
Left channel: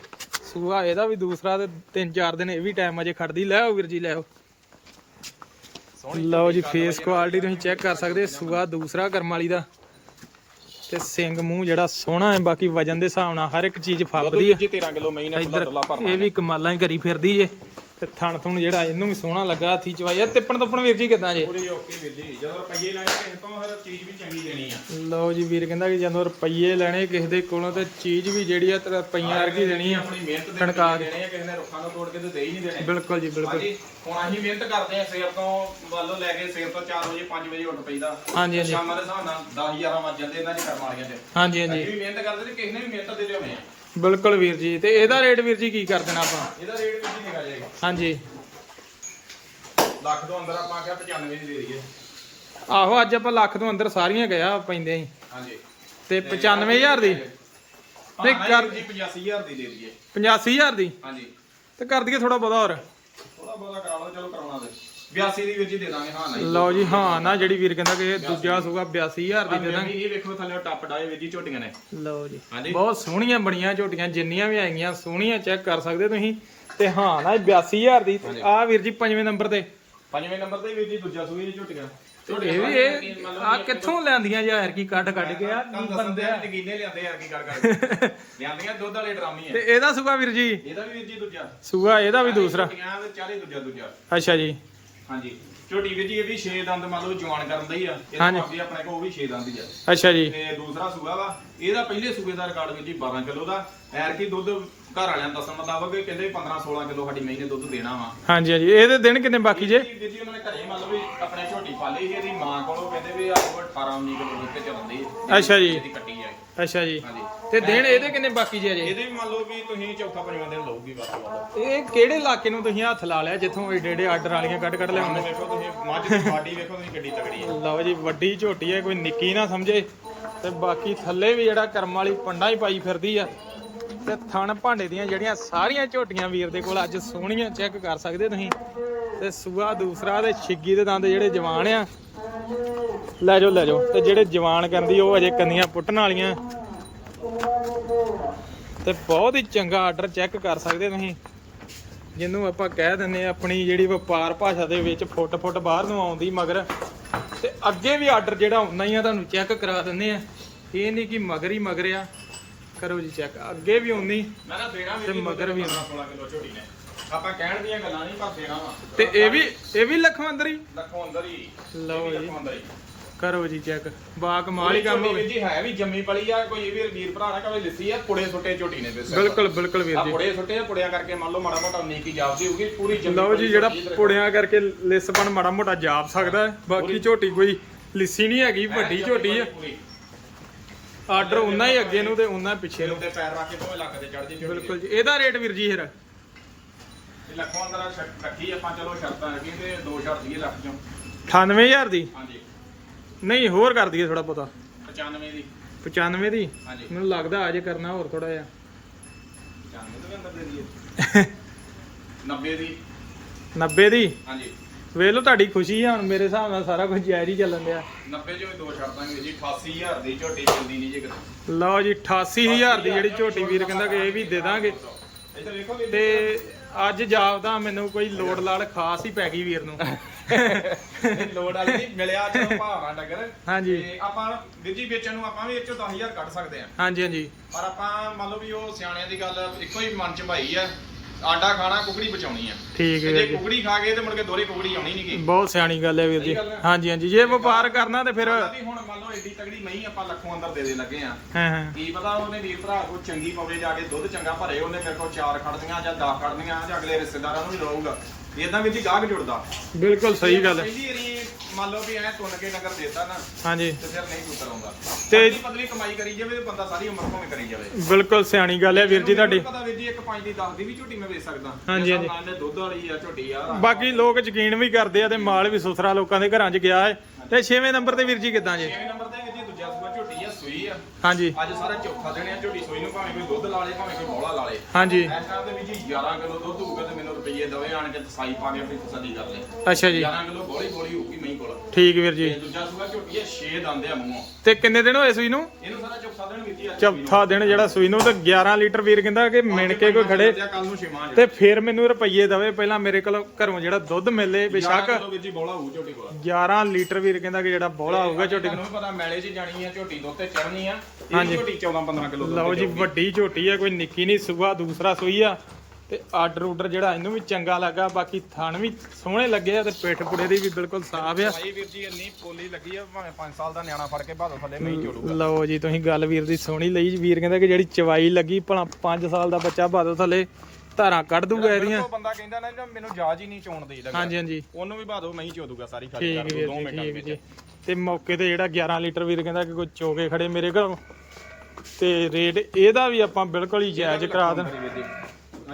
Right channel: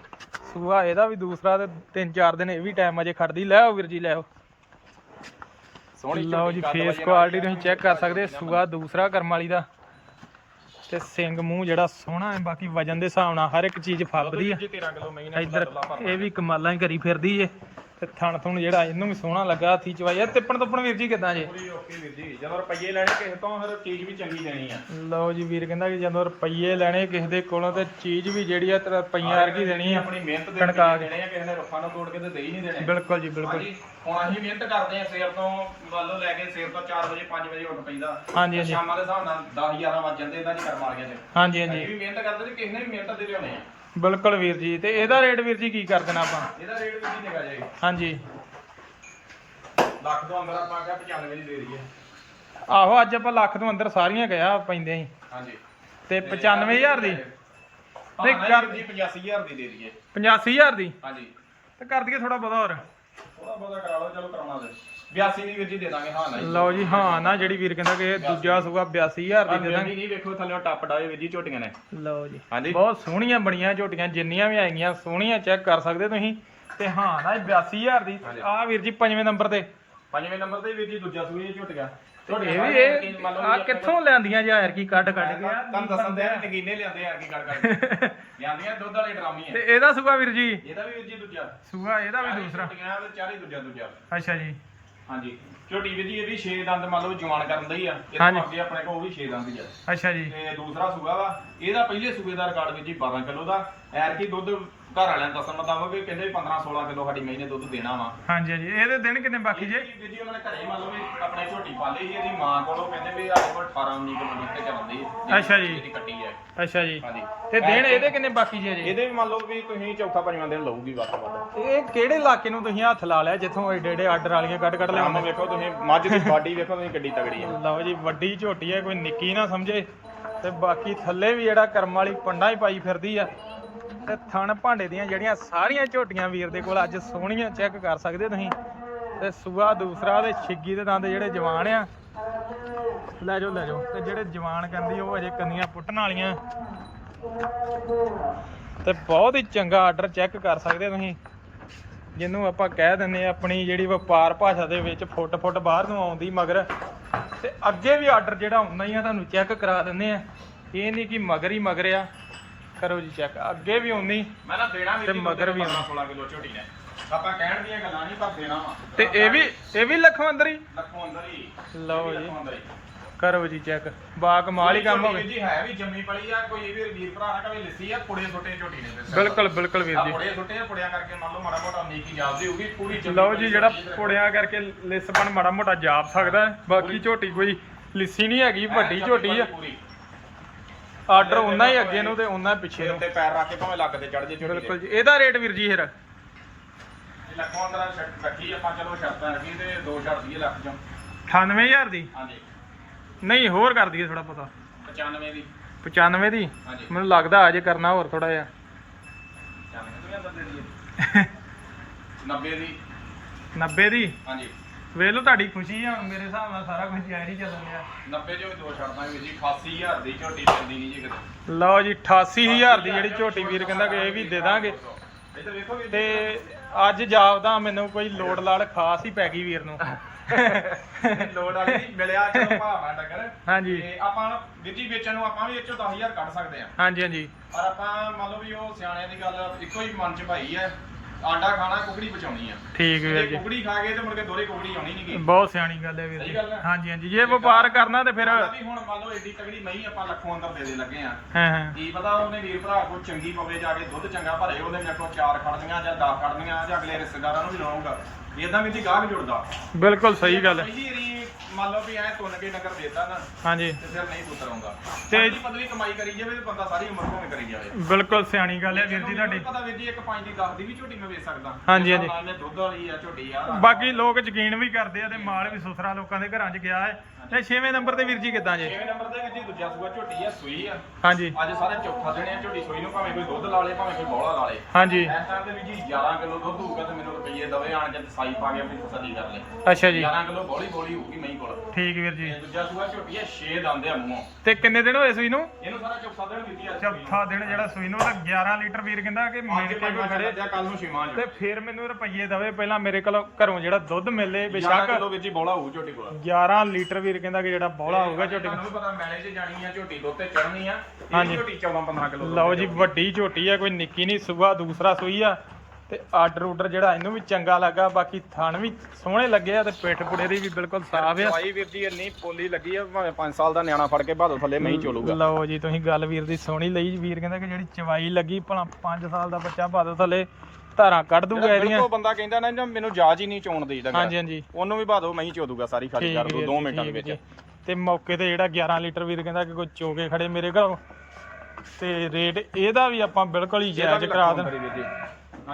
ਸੂਆ ਇਹਦਾ ਵੀ ਦੂਸਰਾ ਤੇ ਤਿੰਨ ਚਾਰ ਦਿਨ ਇਹ ਵੀ ਟਾਈਮ ਅਜੇ ਖੜਦੀ ਲੈ ਆਓ ਵੀਰ ਜੀ ਲੈ ਆਓ ਲਓ ਜੀ ਫੇਸ ਕੁਆਲਿਟੀ ਤੁਸੀਂ ਚੈੱਕ ਕਰ ਸਕਦੇ ਸੂਆ ਦੂਸਰਾ ਕਰਮ ਵਾਲੀ ਦਾ। ਤੇ ਸਿੰਘ ਮੂੰਹ ਜਿਹੜਾ ਸੋਹਣਾ ਹੈ ਬਾਕੀ ਵਜਨ ਦੇ ਹਿਸਾਬ ਨਾਲ ਹਰ ਇੱਕ ਚੀਜ਼ ਫੱਬਦੀ ਵੀਰ ਆ ਜੀ 13 ਕਿਲੋ ਮਈ ਨੇ ਇੱਧਰ ਦੁੱਲਾ ਭਰ ਇਹ ਵੀ ਕਮਾਲਾਂ ਹੀ ਕਰੀ ਫਿਰਦੀ ਏ। ਤੇ ਥਣ ਥੁਣ ਜਿਹੜਾ ਇਹਨੂੰ ਵੀ ਸੋਹਣਾ ਲੱਗਾ ਹੱਥੀ ਚਵਾਈ ਆ ਤਿੱਪਣ ਤੁੱਪਣ ਵੀਰ ਜੀ ਕਿਦਾਂ ਜੇ? ਪੂਰੀ ਓਕੇ ਵੀਰ ਜੀ। ਜਦੋਂ ਰੁਪਈਏ ਲੈਣੇ ਕਿਸੇ ਤੋਂ ਫਿਰ ਚੀਜ਼ ਵੀ ਚੰਗੀ ਦੇਣੀ ਆ। ਲਓ ਜੀ ਵੀਰ ਕਹਿੰਦਾ ਕਿ ਜਦੋਂ ਰੁਪਈਏ ਲੈਣੇ ਕਿਸੇ ਦੇ ਕੋਲੋਂ ਤੇ ਚੀਜ਼ ਵੀ ਜਿਹੜੀ ਆ ਤੇਰਾ ਰੁਪਈਆਂ ਵਰਗੀ ਦੇਣੀ ਆ। ਆਪਣੀ ਮਿਹਨਤ ਦੇ ਕਣਕਾਂ ਰੁਪਈਏ ਦੇਣੇ ਆ ਕਿਸੇ ਨੇ ਰੁੱਖਾਂ ਨੂੰ ਤੋੜ ਕੇ ਤੇ ਦੇ ਹੀ ਨਹੀਂ ਦੇਣੇ। ਬਿਲਕੁਲ ਜੀ ਬਿਲਕੁਲ। ਹੁਣ ਅਸੀਂ ਮਿਹਨਤ ਕਰਦੇ ਆ ਸਵੇਰ ਤੋਂ ਲਓ ਲੈ ਕੇ ਸਵੇਰ ਤੋਂ 4 ਵਜੇ 5 ਵਜੇ ਉੱਠ ਪਈਦਾ। ਹਾਂਜੀ ਹਾਂਜੀ। ਸ਼ਾਮਾਂ ਦੇ ਹਿਸਾਬ ਨਾਲ 10 11 ਵੱਜ ਜਾਂਦੇ ਇਹਨਾਂ ਦੀ ਕਰਮ ਵਾਲੀਆਂ ਚ। ਹਾਂਜੀ ਹਾਂਜੀ। ਅਸੀਂ ਵੀ ਮਿਹਨਤ ਕਰਦੇ ਤੇ ਕਿਸੇ ਨੇ ਵੀ ਮਿਹਨਤ ਦੇ ਲਿਆਉਣੇ ਆ। ਬਿਲਕੁਲ ਵੀਰ ਜੀ ਤੇ ਇਹਦਾ ਰੇਟ ਵੀਰ ਜੀ ਕੀ ਕਰ ਦੇਣਾ ਆਪਾਂ? ਇਹਦਾ ਰੇਟ ਵੀ ਨਿਕਾ ਜਾਏਗਾ। ਹਾਂਜੀ। ਲੱਖ ਤੋਂ ਅੰਦਰ ਆਪਾਂ ਕਿਹਾ 95 ਦੀ ਦੇ ਦਈਏ। ਆਹੋ ਅੱਜ ਆਪਾਂ ਲੱਖ ਤੋਂ ਅੰਦਰ ਸਾਰੀਆਂ ਗਿਆ ਪੈਂਦੇ ਸੀ। ਹਾਂਜੀ। ਤੇ 95000 ਦੀ? ਨਹੀਂ ਕਰ ਜੀ 85000 ਦੀ ਦੇ ਦਈਏ। 85000 ਦੀ? ਹਾਂਜੀ। ਤੇ ਕਰ ਦਈਏ ਥੋੜਾ ਬਹੁਤਾ ਹੋਰ। ਥੋੜਾ ਬਹੁਤਾ ਕਰਾ ਲਓ ਚਲੋ ਕਰਾਉਣਾ ਤੇ 82 ਦੀ ਵੀਰ ਜੀ ਦੇ ਦਾਂਗੇ ਹਾਂ ਨਹੀਂ। ਲਓ ਜੀ ਹਾਂ ਨਾ ਜਿਹੜੀ ਵੀਰ ਕਹਿੰਦਾ ਕਿ ਦੂਜਾ ਸੂਗਾ 82000 ਦੀ ਦੇ ਦਾਂਗੇ ਨਹੀਂ ਵੇਖੋ ਥੱਲੇ ਟੱਪ ਡਾਏ ਵੀਰ ਜੀ ਝੋਟੀਆਂ ਨੇ। ਲਓ ਜੀ ਬਹੁਤ ਸੋਹਣੀਆਂ ਬਣੀਆਂ ਝੋਟੀਆਂ ਜਿੰਨੀਆਂ ਵੀ ਆਈਆਂ ਸੋਹਣੀਆਂ ਚੈੱਕ ਕਰ ਸਕਦੇ ਤੁਸੀਂ। ਤੇ ਹਾਂ ਨਾ ਇਹ 82000 ਦੀ ਆ ਵੀਰ ਜੀ ਪੰਜਵੇਂ ਨੰਬਰ ਤੇ। ਪੰਜਵੇਂ ਨੰਬਰ ਤੇ ਵੀਰ ਜੀ ਦੂਜਾ ਸੂਈ ਝੋਟੀਆਂ। ਇਹ ਵੀ ਇਹ ਆ ਕਿੱਥੋਂ ਲੈਂਦੀਆਂ ਯਾਰ ਕੀ ਕੱਢ ਕੱਢ ਕੇ। ਆ ਤੁਹਾਨੂੰ ਦੱਸਣ ਦੇ ਨਗੀਨੇ ਲਿਆਂਦੇ ਯਾਰ ਕੀ ਗੱਲ ਕਰਕੇ ਲਿਆਂਦੀਆਂ ਦੁੱਧ ਵਾਲੇ ਡਰਾਮੇ ਤੇ ਆ ਇਹਦਾ ਸੂਗਾ ਵੀਰ ਜੀ? ਇਹਦਾ ਵੀ ਵੀਰ ਜੀ ਦੂਜਾ। ਸੂਗਾ ਇਹਦਾ ਵੀ ਦੂਸਰਾ। ਝੋਟੀਆਂ ਤੇ ਚਾਰੇ ਦੂਜਾ ਦੂਜਾ। ਅੱਛਾ ਜੀ। ਹਾਂਜੀ। ਝੋਟੀ ਵੀਰ ਜੀ ਇਹ ਵੀ 6 ਦੰਦ ਮੰਨ ਲਓ ਜਵਾਨ ਕਰਨ ਦਾ ਹੀ ਆ। ਇਹ ਹਾਂਜੀ। ਅੱਗੇ ਆਪਣੇ ਕੋਲ ਉਹ ਵੀ 6 ਦੰਦ ਹੀ ਆ। ਅੱਛਾ ਜੀ। ਤੇ ਦੂਸਰਾ ਸੂਆ ਵਾ। ਇਹਦਾ ਪਹਿਲੇ ਸੂਏ ਦਾ ਰਿਕਾਰਡ ਵੀਰ ਜੀ 12 ਕਿਲੋ ਦਾ। ਐਰ ਕੀ ਦੁੱਧ ਘਰ ਵਾਲਿਆਂ ਦਾ ਦੱਸਣ ਮੁਤਾਬਕ ਇਹ ਕਹਿੰਦੇ 15 16 ਕਿਲੋ ਸਾਡੀ ਮਹੀਂ ਨੇ ਦੁੱਧ ਦੇਣਾ ਵਾ। ਹਾਂਜੀ ਹਾਂਜੀ। ਇਹਦੇ ਦਿਨ ਕਿੰਨੇ ਬਾਕੀ ਜੇ? ਵੀਰ ਜੀ ਉਹਨਾਂ ਨੇ ਘਰੇ ਮੰਨ ਲਓ ਵੀ ਆਪਣੇ ਝੋਟੀ ਪਾਲੀ ਸੀ ਇਹਦੀ ਮਾਂ ਕੋਲੋਂ ਕਹਿੰਦੇ ਵੀ ਕੋਲ 18 19 ਕਿਲੋ ਦੁੱਧ ਤੇ ਚੱਲਦੀ ਅੱਛਾ ਜੀ। ਇਹਦੀ ਕੱਟੀ ਇਹ। ਅੱਛਾ ਜੀ। ਹਾਂਜੀ। ਤੇ ਦਿਨ ਇਹਦੇ ਕਿੰਨੇ ਬਾਕੀ ਜੇ ਜੇ ਇਹਦੇ ਵੀ ਮੰਨ ਲਓ ਵੀ ਤੁਸੀਂ ਚੌਥਾ ਪੰਜਵਾਂ ਦਿਨ ਲਊਗੀ ਵੱਧ ਤੋਂ ਵੱਧ। ਇਹ ਕਿਹੜੇ ਇਲਾਕੇ ਨੂੰ ਤੁਸੀਂ ਹੱਥ ਲਾ ਲਿਆ ਜਿੱਥੋਂ ਏਡੇ ਏਡੇ ਆਰਡਰ ਵਾਲੀਆਂ ਕੱਢ ਕੱਢ ਲਿਆਉਂਦੇ? ਹੁਣ ਵੇਖੋ ਤੁਸੀਂ ਮੱਝ ਦੀ ਬਾਡੀ ਵੇਖੋ ਤੁਸੀਂ ਕਿੱਡੀ ਤਗੜੀ ਆ। ਲਓ ਜੀ ਵੱਡੀ ਝੋਟੀ ਹੈ ਕੋਈ ਨਿੱਕੀ ਨਾ ਸਮਝੇ। ਤੇ ਬਾਕੀ ਥੱਲੇ ਵੀ ਜਿਹੜਾ ਕਰਮ ਵਾਲੀ ਪੰਡਾ ਹੀ ਪਾਈ ਫਿਰਦੀ ਆ। ਤੇ ਥਣ ਭਾਂਡੇ ਦੀਆਂ ਜਿਹੜੀਆਂ ਸਾਰੀਆਂ ਝੋਟੀਆਂ ਵੀਰ ਦੇ ਕੋਲ ਅੱਜ ਸੋਹਣੀਆਂ ਚੈੱਕ ਕਰ ਸਕਦੇ ਤੁਸੀਂ। ਤੇ ਸੂਆ ਦੂਸਰਾ ਤੇ ਛਿੱਗੀ ਦੇ ਦੰਦ ਜਿਹੜੇ ਜਵਾਨ ਆ। ਲੈ ਜਾਓ ਲੈ ਜਾਓ। ਤੇ ਜਿਹੜੇ ਜਵਾਨ ਕਹਿੰਦੀ ਉਹ ਅਜੇ ਕੰਨੀਆਂ ਪੁੱਟਣ ਵਾਲੀਆਂ। ਤੇ ਬਹੁਤ ਹੀ ਚੰਗਾ ਆਰਡਰ ਚੈੱਕ ਕਰ ਸਕਦੇ ਤੁਸੀਂ। ਜਿਹਨੂੰ ਆਪਾਂ ਕਹਿ ਦਿੰਨੇ ਆਪਣੀ ਜਿਹੜੀ ਵਪਾਰ ਭਾਸ਼ਾ ਦੇ ਵਿੱਚ ਫੁੱਟ ਫੁੱਟ ਬਾਹਰ ਨੂੰ ਆਉਂਦੀ ਮਗਰ। ਤੇ ਅੱਗੇ ਵੀ ਆਰਡਰ ਜਿਹੜਾ ਹੁੰਦਾ ਹੀ ਆ, ਤੁਹਾਨੂੰ ਚੈੱਕ ਕਰਾ ਦਿੰਨੇ ਆ। ਇਹ ਨਹੀਂ ਕਿ ਮਗਰ ਹੀ ਮਗਰ ਆ। ਕਰੋ ਜੀ ਚੈੱਕ ਅੱਗੇ ਵੀ ਉਨੀ ਮੈਂ ਤਾਂ ਦੇਣਾ ਵੀ ਤੇ ਮਗਰ ਵੀ 16 ਕਿਲੋ ਝੋਟੀ ਨੇ ਆਪਾਂ ਕਹਿਣ ਦੀਆਂ ਗੱਲਾਂ ਨਹੀਂ ਪਰ ਦੇਣਾ ਵਾ। ਤੇ ਇਹ ਵੀ ਇਹ ਵੀ ਲੱਖੋਂ ਅੰਦਰ ਹੀ ਲੱਖੋਂ ਅੰਦਰ ਹੀ ਲਓ ਜੀ। ਲੱਖੋਂ ਅੰਦਰ ਹੀ ਕਰੋ ਜੀ ਚੈੱਕ ਬਾ ਕਮਾਲ ਹੀ ਕੰਮ ਹੋਵੇ। ਵੀਰ ਜੀ ਹੈ ਵੀ ਜੰਮੀ ਪਲੀ ਆ ਕੋਈ ਵੀ ਵੀਰ ਭਰਾ ਨਾ ਕਵੇ ਲਿੱਸੀ ਆ ਪੁੜੇ ਸੁੱਟੇ ਝੋਟੀ ਨੇ ਦੱਸਿਆ ਬਿਲਕੁਲ ਬਿਲਕੁਲ ਵੀਰ ਜੀ। ਪੁੜੇ ਸੁੱਟੇ ਆ, ਪੁੜਿਆਂ ਕਰਕੇ ਮੰਨ ਲਓ ਮਾੜਾ ਮੋਟਾ ਨੇਕੀ ਜਾਪਦੀ ਹੋਊਗੀ ਪੂਰੀ ਜੰਮੀ ਲਓ ਜੀ ਜਿਹੜਾ ਪੁੜਿਆਂ ਕਰਕੇ ਲਿਸਪਣ ਮਾੜਾ ਮੋਟਾ ਜਾਪ ਸਕਦਾ ਹੈ। ਬਾਕੀ ਝੋਟੀ ਕੋਈ ਲਿੱਸੀ ਨਹੀਂ ਹੈਗੀ ਵੱਡੀ ਝੋਟੀ ਆ। ਆਰਡਰ ਉਹਨਾਂ ਹੀ ਅੱਗੇ ਨੂੰ ਤੇ ਉਹਨਾਂ ਪਿੱਛੇ ਨੂੰ। ਉੱਤੇ ਪੈਰ ਰੱਖ ਕੇ ਭਾਵੇਂ ਲੱਕ ਤੇ ਚੜ ਜੇ ਬਿਲਕੁਲ ਜੀ। ਇਹਦਾ ਰੇਟ ਵੀਰ ਜੀ ਫਿਰ। ਲੱਖੋਂ ਅੰਦਰ ਸ਼ਰਤ ਰੱਖੀ ਆਪਾਂ ਚਲੋ ਸ਼ਰਤਾਂ ਰੱਖੀ ਤੇ ਦੋ ਸ਼ਰਤ ਦਈਏ ਲੱਖ ਚੋਂ। 98000 ਦੀ? ਹਾਂਜੀ। ਨਹੀਂ ਹੋਰ ਕਰ ਦਈਏ ਥੋੜਾ ਬਹੁਤਾ। 95 ਦੀ। 95 ਦੀ? ਹਾਂਜੀ। ਮੈਨੂੰ ਲੱਗਦਾ ਅਜੇ ਕਰਨਾ ਹੋਰ ਥੋੜਾ ਜਿਹਾ। 95 ਤੋਂ ਵੀ ਅੰਦਰ ਦੇ ਦਈਏ। 90 ਦੀ। 90 ਦੀ? ਹਾਂਜੀ। ਵੇਖ ਲਓ ਤੁਹਾਡੀ ਖੁਸ਼ੀ ਆ ਮੇਰੇ ਹਿਸਾਬ ਨਾਲ ਸਾਰਾ ਕੁਝ ਜਾਇਜ਼ ਹੀ ਚੱਲਣ ਡਿਆ। 90 ਚੋਂ ਵੀ ਦੋ ਛੱਡਾਂਗੇ ਜੀ 88000 ਦੀ ਝੋਟੀ ਚੱਲਦੀ ਨਹੀਂ ਜੀ ਕਿਤੇ। ਲਓ ਜੀ 88000 ਦੀ ਜਿਹੜੀ ਝੋਟੀ ਵੀਰ ਕਹਿੰਦਾ ਕਿ ਇਹ ਵੀ ਦੇ ਦਾਂਗੇ। ਇੱਧਰ ਵੇਖੋ ਵੀ ਤੇ ਅੱਜ ਜਾਪਦਾ ਮੈਨੂੰ ਕੋਈ ਲੋੜ ਲਾੜ ਖਾਸ ਹੀ ਪੈ ਗਈ ਵੀਰ ਨੂੰ। ਲੋੜ ਵਾਲੀ ਨਹੀਂ ਮਿਲਿਆ ਚਲੋ ਭਾਵਨਾ ਡੰਗਰ। ਹਾਂਜੀ। ਤੇ ਆਪਾਂ ਵੀਰ ਜੀ ਵੇਚਣ ਨੂੰ ਆਪਾਂ ਵੀ ਇਹ ਚੋਂ 10000 ਕੱਢ ਸਕਦੇ ਆ ਹਾਂਜੀ ਹਾਂਜੀ। ਪਰ ਆਪਾਂ ਮੰਨ ਲਓ ਵੀ ਉਹ ਸਿਆਣਿਆਂ ਦੀ ਗੱਲ ਇੱਕੋ ਹੀ ਮਨ ਚ ਭਾਈ ਆ। ਆਂਡਾ ਖਾਣਾ ਕੁਕੜੀ ਬਚਾਉਣੀ ਆ। ਠੀਕ ਵੀਰ ਜੇ ਜੀ। ਕੁਕੜੀ ਖਾ ਗਏ ਤੇ ਮੁੜ ਕੇ ਦੋਰੇ ਕੁਕੜੀ ਆਉਣੀ ਨਹੀਂ ਗੀ। ਬਹੁਤ ਸਿਆਣੀ ਗੱਲ ਹੈ ਵੀਰ ਜੀ। ਹਾਂਜੀ ਹਾਂਜੀ। ਜੇ ਵਪਾਰ ਕਰਨਾ ਤੇ ਫਿਰ ਵੀ ਹੁਣ ਮੰਨ ਲਓ ਏਡੀ ਤਗੜੀ ਨਹੀਂ ਆਪਾਂ ਲੱਖੋਂ ਅੰਦਰ ਦੇ ਦੇ ਲੱਗੇ ਆ। ਹਾਂ ਹਾਂ। ਕੀ ਪਤਾ ਉਹਨੇ ਵੀਰ ਭਰਾ ਕੋ ਚੰਗੀ ਪਵੇ ਜਾ ਕੇ ਦੁੱਧ ਚੰਗਾ ਭਰੇ ਉਹਨੇ ਮੇਰੇ ਕੋਲ ਚਾਰ ਖੜਦੀਆਂ ਜਾਂ 10 ਖੜਦੀਆਂ ਜਾਂ ਅਗਲੇ ਰਿਸ਼ਤੇਦਾਰਾਂ ਨੂੰ ਵੀ ਲਵਾਊਗਾ। ਇਦਾਂ ਵੀ ਦੀ ਗਾਹਕ ਜੁੜਦਾ। ਬਿਲਕੁਲ ਸਹੀ ਗੱਲ ਹੈ। ਪਹਿਲੀ ਮੰਨ ਲਓ ਵੀ ਐ ਤੁੰਨ ਕੇ ਨਗਰ ਦੇਤਾ ਨਾ ਹਾਂਜੀ। ਤੇ ਫਿਰ ਨਹੀਂ ਪੁੱਤਰ ਆਉਂਦਾ। ਤੇ- ਪਤਲੀ ਕਮਾਈ ਕਰੀ ਜਾਵੇ ਤੇ ਬੰਦਾ ਸਾਰੀ ਉਮਰ ਭਾਵੇਂ ਕਰੀ ਜਾਵੇ। ਬਿਲਕੁਲ ਸਿਆਣੀ ਗੱਲ ਹੈ ਵੀਰ ਜੀ ਤੁਹਾਡੀ। ਪਤਾ ਵੀਰ ਜੀ ਇੱਕ ਪੰਜ ਦੀ 10 ਦੀ ਵੀ ਝੋਟੀ ਮੈਂ ਵੇਚ ਸਕਦਾ। ਹਾਂਜੀ, ਇਸ ਹਾਂਜੀ। ਨਾਲ ਇਹਨੇ ਦੁੱਧ ਵਾਲੀ ਆ ਝੋਟੀ ਆ। ਬਾਕੀ ਲੋਕ ਯਕੀਨ ਵੀ ਕਰਦੇ ਆ ਤੇ ਮਾਲ ਵੀ ਸੁਥਰਾ ਲੋਕਾਂ ਦੇ ਘਰਾਂ 'ਚ ਗਿਆ ਹੈ। ਤੇ 6ਵੇਂ ਨੰਬਰ ਤੇ ਵੀਰ ਜੀ ਕਿੱਦਾਂ ਜੇ? 6ਵੇਂ ਨੰਬਰ ਤੇ ਵੀਰ ਜੀ ਦੂਜਾ ਸੂਆ ਝੋਟੀ ਆ ਸੂਈ ਆ। ਹਾਂਜੀ। ਅੱਜ ਸਾਰਾ ਚੌਥਾ ਦਿਨ ਆ ਝੋਟੀ ਸੂਈ ਨੂੰ ਭਾਵੇਂ ਕੋਈ ਦੁੱਧ ਲਾ ਲੇ ਭਾਵੇਂ ਕੋਈ ਬੌਲਾ ਲਾ ਲੇ। ਹਾਂਜੀ। ਇਸ ਟਾਈਮ ਦੇ ਵਿੱਚ ਜੀ 11 ਕਿਲੋ ਦੁੱਧ ਹੋਊਗਾ ਤੇ ਮੈਨੂੰ ਰੁਪਈਏ ਦਵੇ ਆਣ ਕੇ ਸਾਈ ਪਾ ਕੇ ਆਪਣੀ ਤਸੱਲੀ ਕਰ ਲੈ ਅੱਛਾ ਜੀ। 11 ਕਿਲੋ ਬੋਲੀ ਬੋਲੀ ਹੋਊਗੀ ਮਹੀਂ ਕੋਲ। ਠੀਕ ਵੀਰ ਤੇ ਜੀ ਦੂਜਾ ਸੂਆ ਝੋਟੀ ਆ 6 ਦੰਦ ਆ ਮੂੰਹੋਂ। ਤੇ ਕਿੰਨੇ ਦਿਨ ਹੋਏ ਸੂਈ ਨੂੰ? ਇਹਨੂੰ ਸਾਰਾ ਚੌਥਾ ਦਿਨ ਦਿੱਤੀ ਆ। ਚੌਥਾ ਦਿਨ ਜਿਹੜਾ ਸੂਈ ਨੂੰ ਤੇ 11 ਲੀਟਰ ਵੀਰ ਕਹਿੰਦਾ ਕਿ ਮਿਣ ਕੇ ਕੋਈ ਖੜੇ। ਤੇ ਫਿਰ ਮੈਨੂੰ ਰੁਪਈਏ ਦਵੇ ਪਹਿਲਾਂ ਮੇਰੇ ਕੋਲ ਘਰੋਂ ਜਿਹੜਾ ਦੁੱਧ ਮਿਲੇ 11 ਬੇਸ਼ੱਕ ਕਿਲੋ ਵਿੱਚ ਹੀ ਬੋਲਾ ਹੋਊ ਝੋਟੀ ਕੋਲ। 11 ਲੀਟਰ ਵੀਰ ਕਹਿੰਦਾ ਕਿ ਜਿਹੜਾ ਬੋਲਾ ਹੋਊਗਾ ਝੋਟੀ ਤੁਹਾਨੂੰ ਵੀ ਪਤਾ ਮੈਲੇ 'ਚ ਜਾਣੀ ਆ ਝੋਟੀ ਦੁੱਧ ਤੇ ਚੜਨੀ ਆ। ਹਾਂਜੀ। ਇਹ ਝੋਟੀ 14 15 ਕਿਲੋ ਲਓ ਜੀ ਵੱਡੀ ਝੋਟੀ ਆ ਕੋਈ ਨਿੱਕੀ ਨਹੀਂ ਸੂਆ ਦੂਸਰਾ ਸੂਈ ਆ। ਤੇ ਆਰਡਰ ਆਰਡਰ ਜਿਹੜਾ ਇਹਨੂੰ ਵੀ ਚੰਗਾ ਲੱਗਾ ਬਾਕੀ ਥਣ ਵੀ ਸੋਹਣੇ ਲੱਗੇ ਆ ਤੇ ਪਿੱਠ ਪੁੜੇ ਦੀ ਵੀ ਬਿਲਕੁਲ ਸਾਫ਼ ਆ। ਭਾਈ ਵੀਰ ਜੀ ਇੰਨੀ ਪੋਲੀ ਲੱਗੀ ਆ ਭਾਵੇਂ 5 ਸਾਲ ਦਾ ਨਿਆਣਾ ਫੜ ਕੇ ਬਾਦਲ ਥੱਲੇ ਨਹੀਂ ਚੋਲੂਗਾ। ਲਓ ਜੀ ਤੁਸੀਂ ਗੱਲ ਵੀਰ ਦੀ ਸੋਹਣੀ ਲਈ। ਵੀਰ ਕਹਿੰਦਾ ਕਿ ਜਿਹੜੀ ਚਵਾਈ ਲੱਗੀ ਭਲਾ 5 ਸਾਲ ਦਾ ਬੱਚਾ ਬਾਦਲ ਥੱਲੇ। ਧਾਰਾਂ ਕੱਢ ਦੂਗਾ ਇਹਦੀਆਂ। ਉਹ ਬੰਦਾ ਕਹਿੰਦਾ ਨਾ ਨਾ ਮੈਨੂੰ ਜਾਜ ਹੀ ਨਹੀਂ ਚੋਣ ਦੇਈਦਾ ਹਾਂਜੀ ਹਾਂਜੀ। ਉਹਨੂੰ ਵੀ ਬਾਦੋ ਨਹੀਂ ਚੋਦੂਗਾ ਸਾਰੀ ਖਾਲੀ ਠੀਕ ਕਰ ਦੋ ਵੀਰ 2 ਜੀ, ਮਿੰਟਾਂ ਦੇ ਠੀਕ ਵਿੱਚ। ਜੀ। ਤੇ ਮੌਕੇ ਤੇ ਜਿਹੜਾ 11 ਲੀਟਰ ਵੀਰ ਕਹਿੰਦਾ ਕਿ ਕੋਈ ਚੋਕੇ ਖੜੇ ਮੇਰੇ ਘਰੋਂ। ਤੇ ਰੇਟ ਇਹਦਾ ਵੀ ਆਪਾਂ ਬਿਲਕੁਲ ਹੀ ਜਾਇਜ਼ ਕਰਾ ਦੇਣ। ਜੀ।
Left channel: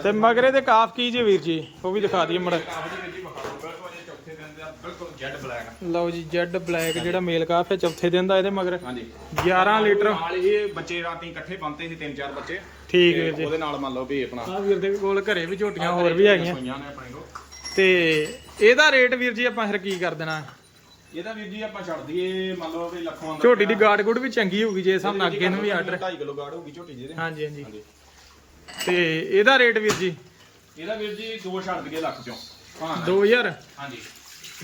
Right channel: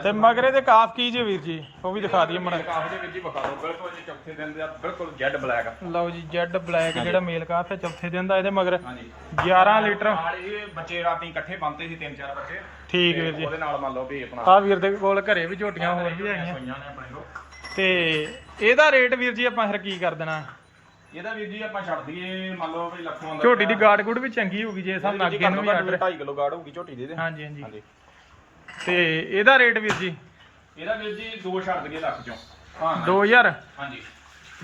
ਤੇ ਮਗਰੇ ਦੇ ਕਾਫ ਕੀ ਜੇ ਵੀਰ ਜੀ? ਉਹ ਵੀ ਦਿਖਾ ਦਈਏ ਮੜਾ। ਕਾਫੀ ਜੀ ਵੀਰ ਜੀ ਬਖਾ ਦਿਓ ਬਿਲਕੁਲ ਜੀ ਚੌਥੇ ਦਿਨ ਦੇ ਆ, ਬਿਲਕੁਲ ਜੈਡ ਬਲੈਕ ਲਓ ਜੀ ਜੈਡ ਬਲੈਕ ਜਿਹੜਾ ਮੇਲ ਕਾਫ ਹੈ ਚੌਥੇ ਦਿਨ ਦਾ ਇਹਦੇ ਮਗਰ ਹਾਂਜੀ। 11 ਲੀਟਰ। ਨਾਲ ਇਹ ਬੱਚੇ ਰਾਤੀ ਇਕੱਠੇ ਬੰਨਤੇ ਸੀ ਤਿੰਨ ਚਾਰ ਬੱਚੇ। ਠੀਕ ਵੀਰ ਜੀ। ਉਹਦੇ ਨਾਲ ਮੰਨ ਲਓ ਵੀ ਆਪਣਾ ਆ ਵੀਰ ਦੇ ਕੋਲ ਘਰੇ ਵੀ ਝੋਟੀਆਂ ਹੋਰ ਵੀ ਹੈਗੀਆਂ। ਸੂਈਆਂ ਨੇ ਆਪਣੇ ਕੋਲ। ਤੇ ਇਹਦਾ ਰੇਟ ਵੀਰ ਜੀ ਆਪਾਂ ਫਿਰ ਕੀ ਕਰ ਦੇਣਾ? ਇਹਦਾ ਵੀਰ ਜੀ ਆਪਾਂ ਛੱਡ ਦਈਏ ਮੰਨ ਲਓ ਵੀ ਲੱਖਾਂ ਦਾ ਝੋਟੀ ਦੀ ਗਾੜ ਗੁੜ ਵੀ ਚੰਗੀ ਹੋਊਗੀ ਜੇ ਸਾਨੂੰ ਅੱਗੇ ਨੂੰ ਵੀ ਆਰਡਰ 2.5 ਕਿਲੋ ਗਾੜ ਹੋਊਗੀ ਝੋਟੀ ਦੀ ਇਹਦੇ। ਹਾਂਜੀ ਹਾਂਜੀ। ਹਾਂਜੀ। ਤੇ ਇਹਦਾ ਰੇਟ ਵੀਰ ਜੀ? ਇਹਦਾ ਵੀਰ ਜੀ ਦੋ ਛੱਡ ਦਈਏ ਲੱਖ ਚੋਂ। ਹਾਂ 2000 ਹਾਂਜੀ।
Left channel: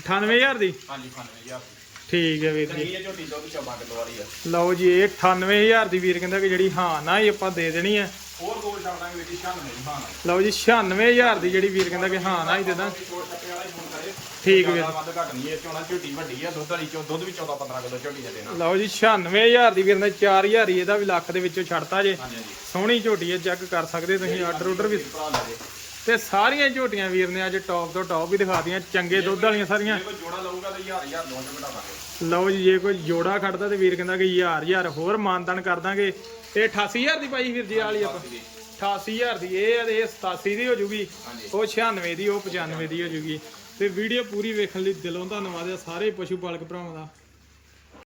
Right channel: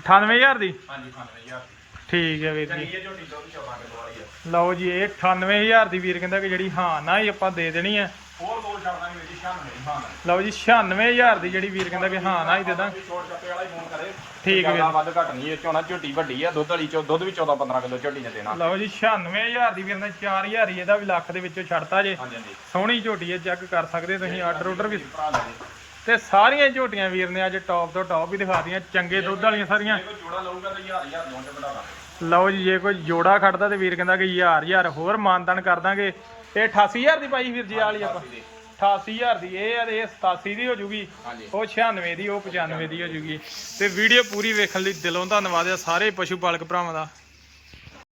98000 ਦੀ? ਹਾਂਜੀ 95000 ਠੀਕ ਹੈ ਵੀਰ ਜੀ। ਚੰਗੀ ਹੈ ਝੋਟੀ ਦੁੱਧ 14 ਕਿਲੋ ਵਾਲੀ ਆ। ਲਓ ਜੀ ਇਹ 98000 ਦੀ ਵੀਰ ਕਹਿੰਦਾ ਕਿ ਜਿਹੜੀ ਹਾਂ ਨਾ ਹੀ ਆਪਾਂ ਦੇ ਦੇਣੀ ਹੈ। ਹੋਰ ਦੋ ਛੱਡ ਦਾਂਗੇ ਵੀਰ ਜੀ 96 ਹਾਂ ਨਾ। ਲਓ ਜੀ 96000 ਦੀ ਜਿਹੜੀ ਵੀਰ ਕਹਿੰਦਾ ਵੀ ਹਾਂ ਨਾ ਹੀ ਦੇ ਦਾਂ ਛੋਟ ਕੱਟੇ ਵਾਲਾ ਹੀ ਫੋਨ ਕਰੇ। ਠੀਕ ਹੈ ਜ਼ਿਆਦਾ ਵੱਧ ਘੱਟ ਨਹੀਂ ਇਹ ਚੋਣਾ ਝੋਟੀ ਵੱਡੀ ਆ ਦੁੱਧ ਵਾਲੀ ਚੋ ਦੁੱਧ ਵੀ 14 15 ਕਿਲੋ ਝੋਟੀ ਦੇ ਦੇਣਾ। ਲਓ ਜੀ 96000 ਦੀ ਵੀਰ ਨੇ 4000 ਹੀ ਇਹਦਾ ਵੀ ਲੱਖ ਦੇ ਵਿੱਚੋਂ ਛੱਡਤਾ ਜੇ। ਹਾਂਜੀ ਹਾਂਜੀ। ਸੋਹਣੀ ਝੋਟੀ ਹੈ ਚੈੱਕ ਕਰ ਸਕਦੇ ਤੁਸੀਂ ਆਰਡਰ ਆਰਡਰ ਵੀ ਭਰਾ ਲੈ ਜੇ। ਤੇ ਸਾਰੀਆਂ ਝੋਟੀਆਂ ਵੀਰ ਨੇ ਅੱਜ ਟੌਪ ਤੋਂ ਟੌਪ ਵੀ ਦਿਖਾਤੀਆਂ ਚੰਗੇ ਦੁੱਧ ਵਾਲੀਆਂ ਸਾਰੀਆਂ। ਜੇ ਕੋਈ ਜੋੜਾ ਲਊਗਾ ਤਾਂ ਹਜ਼ਾਰ ਹਜ਼ਾਰ ਲੋਨ ਤੇ ਵਧਾ ਦਾਂਗੇ। ਲਓ ਜੀ ਜੇ ਕੋਈ ਜੋੜਾ ਖੜਦਾ ਤੇ ਵੀਰ ਕਹਿੰਦਾ ਕਿ ਹਜ਼ਾਰ ਹਜ਼ਾਰ ਹੋਰ ਮਾਨਤਨ ਕਰ ਦਾਂਗੇ। ਇਹ 88000 ਦੀ ਪਾਈ ਵੀਰ ਜੀ ਵਾਲੀ ਆਪਾਂ। 88000 ਦੀ। ਇਹ ਆ ਤੇ ਇਹ 87 ਦੀ ਹੋ ਜੂਗੀ ਉਹ 96 ਦੀ ਉਹ 95 ਦੀ ਹੋ ਜੂਗੀ। ਤੇ ਵੀਡੀਓ ਪੂਰੀ ਵੇਖਣ ਲਈ ਦਿਲੋਂ ਧੰਨਵਾਦ ਆ ਸਾਰੇ ਪਸ਼ੂ ਪਾਲਕ ਭਰਾਵਾਂ ਦਾ।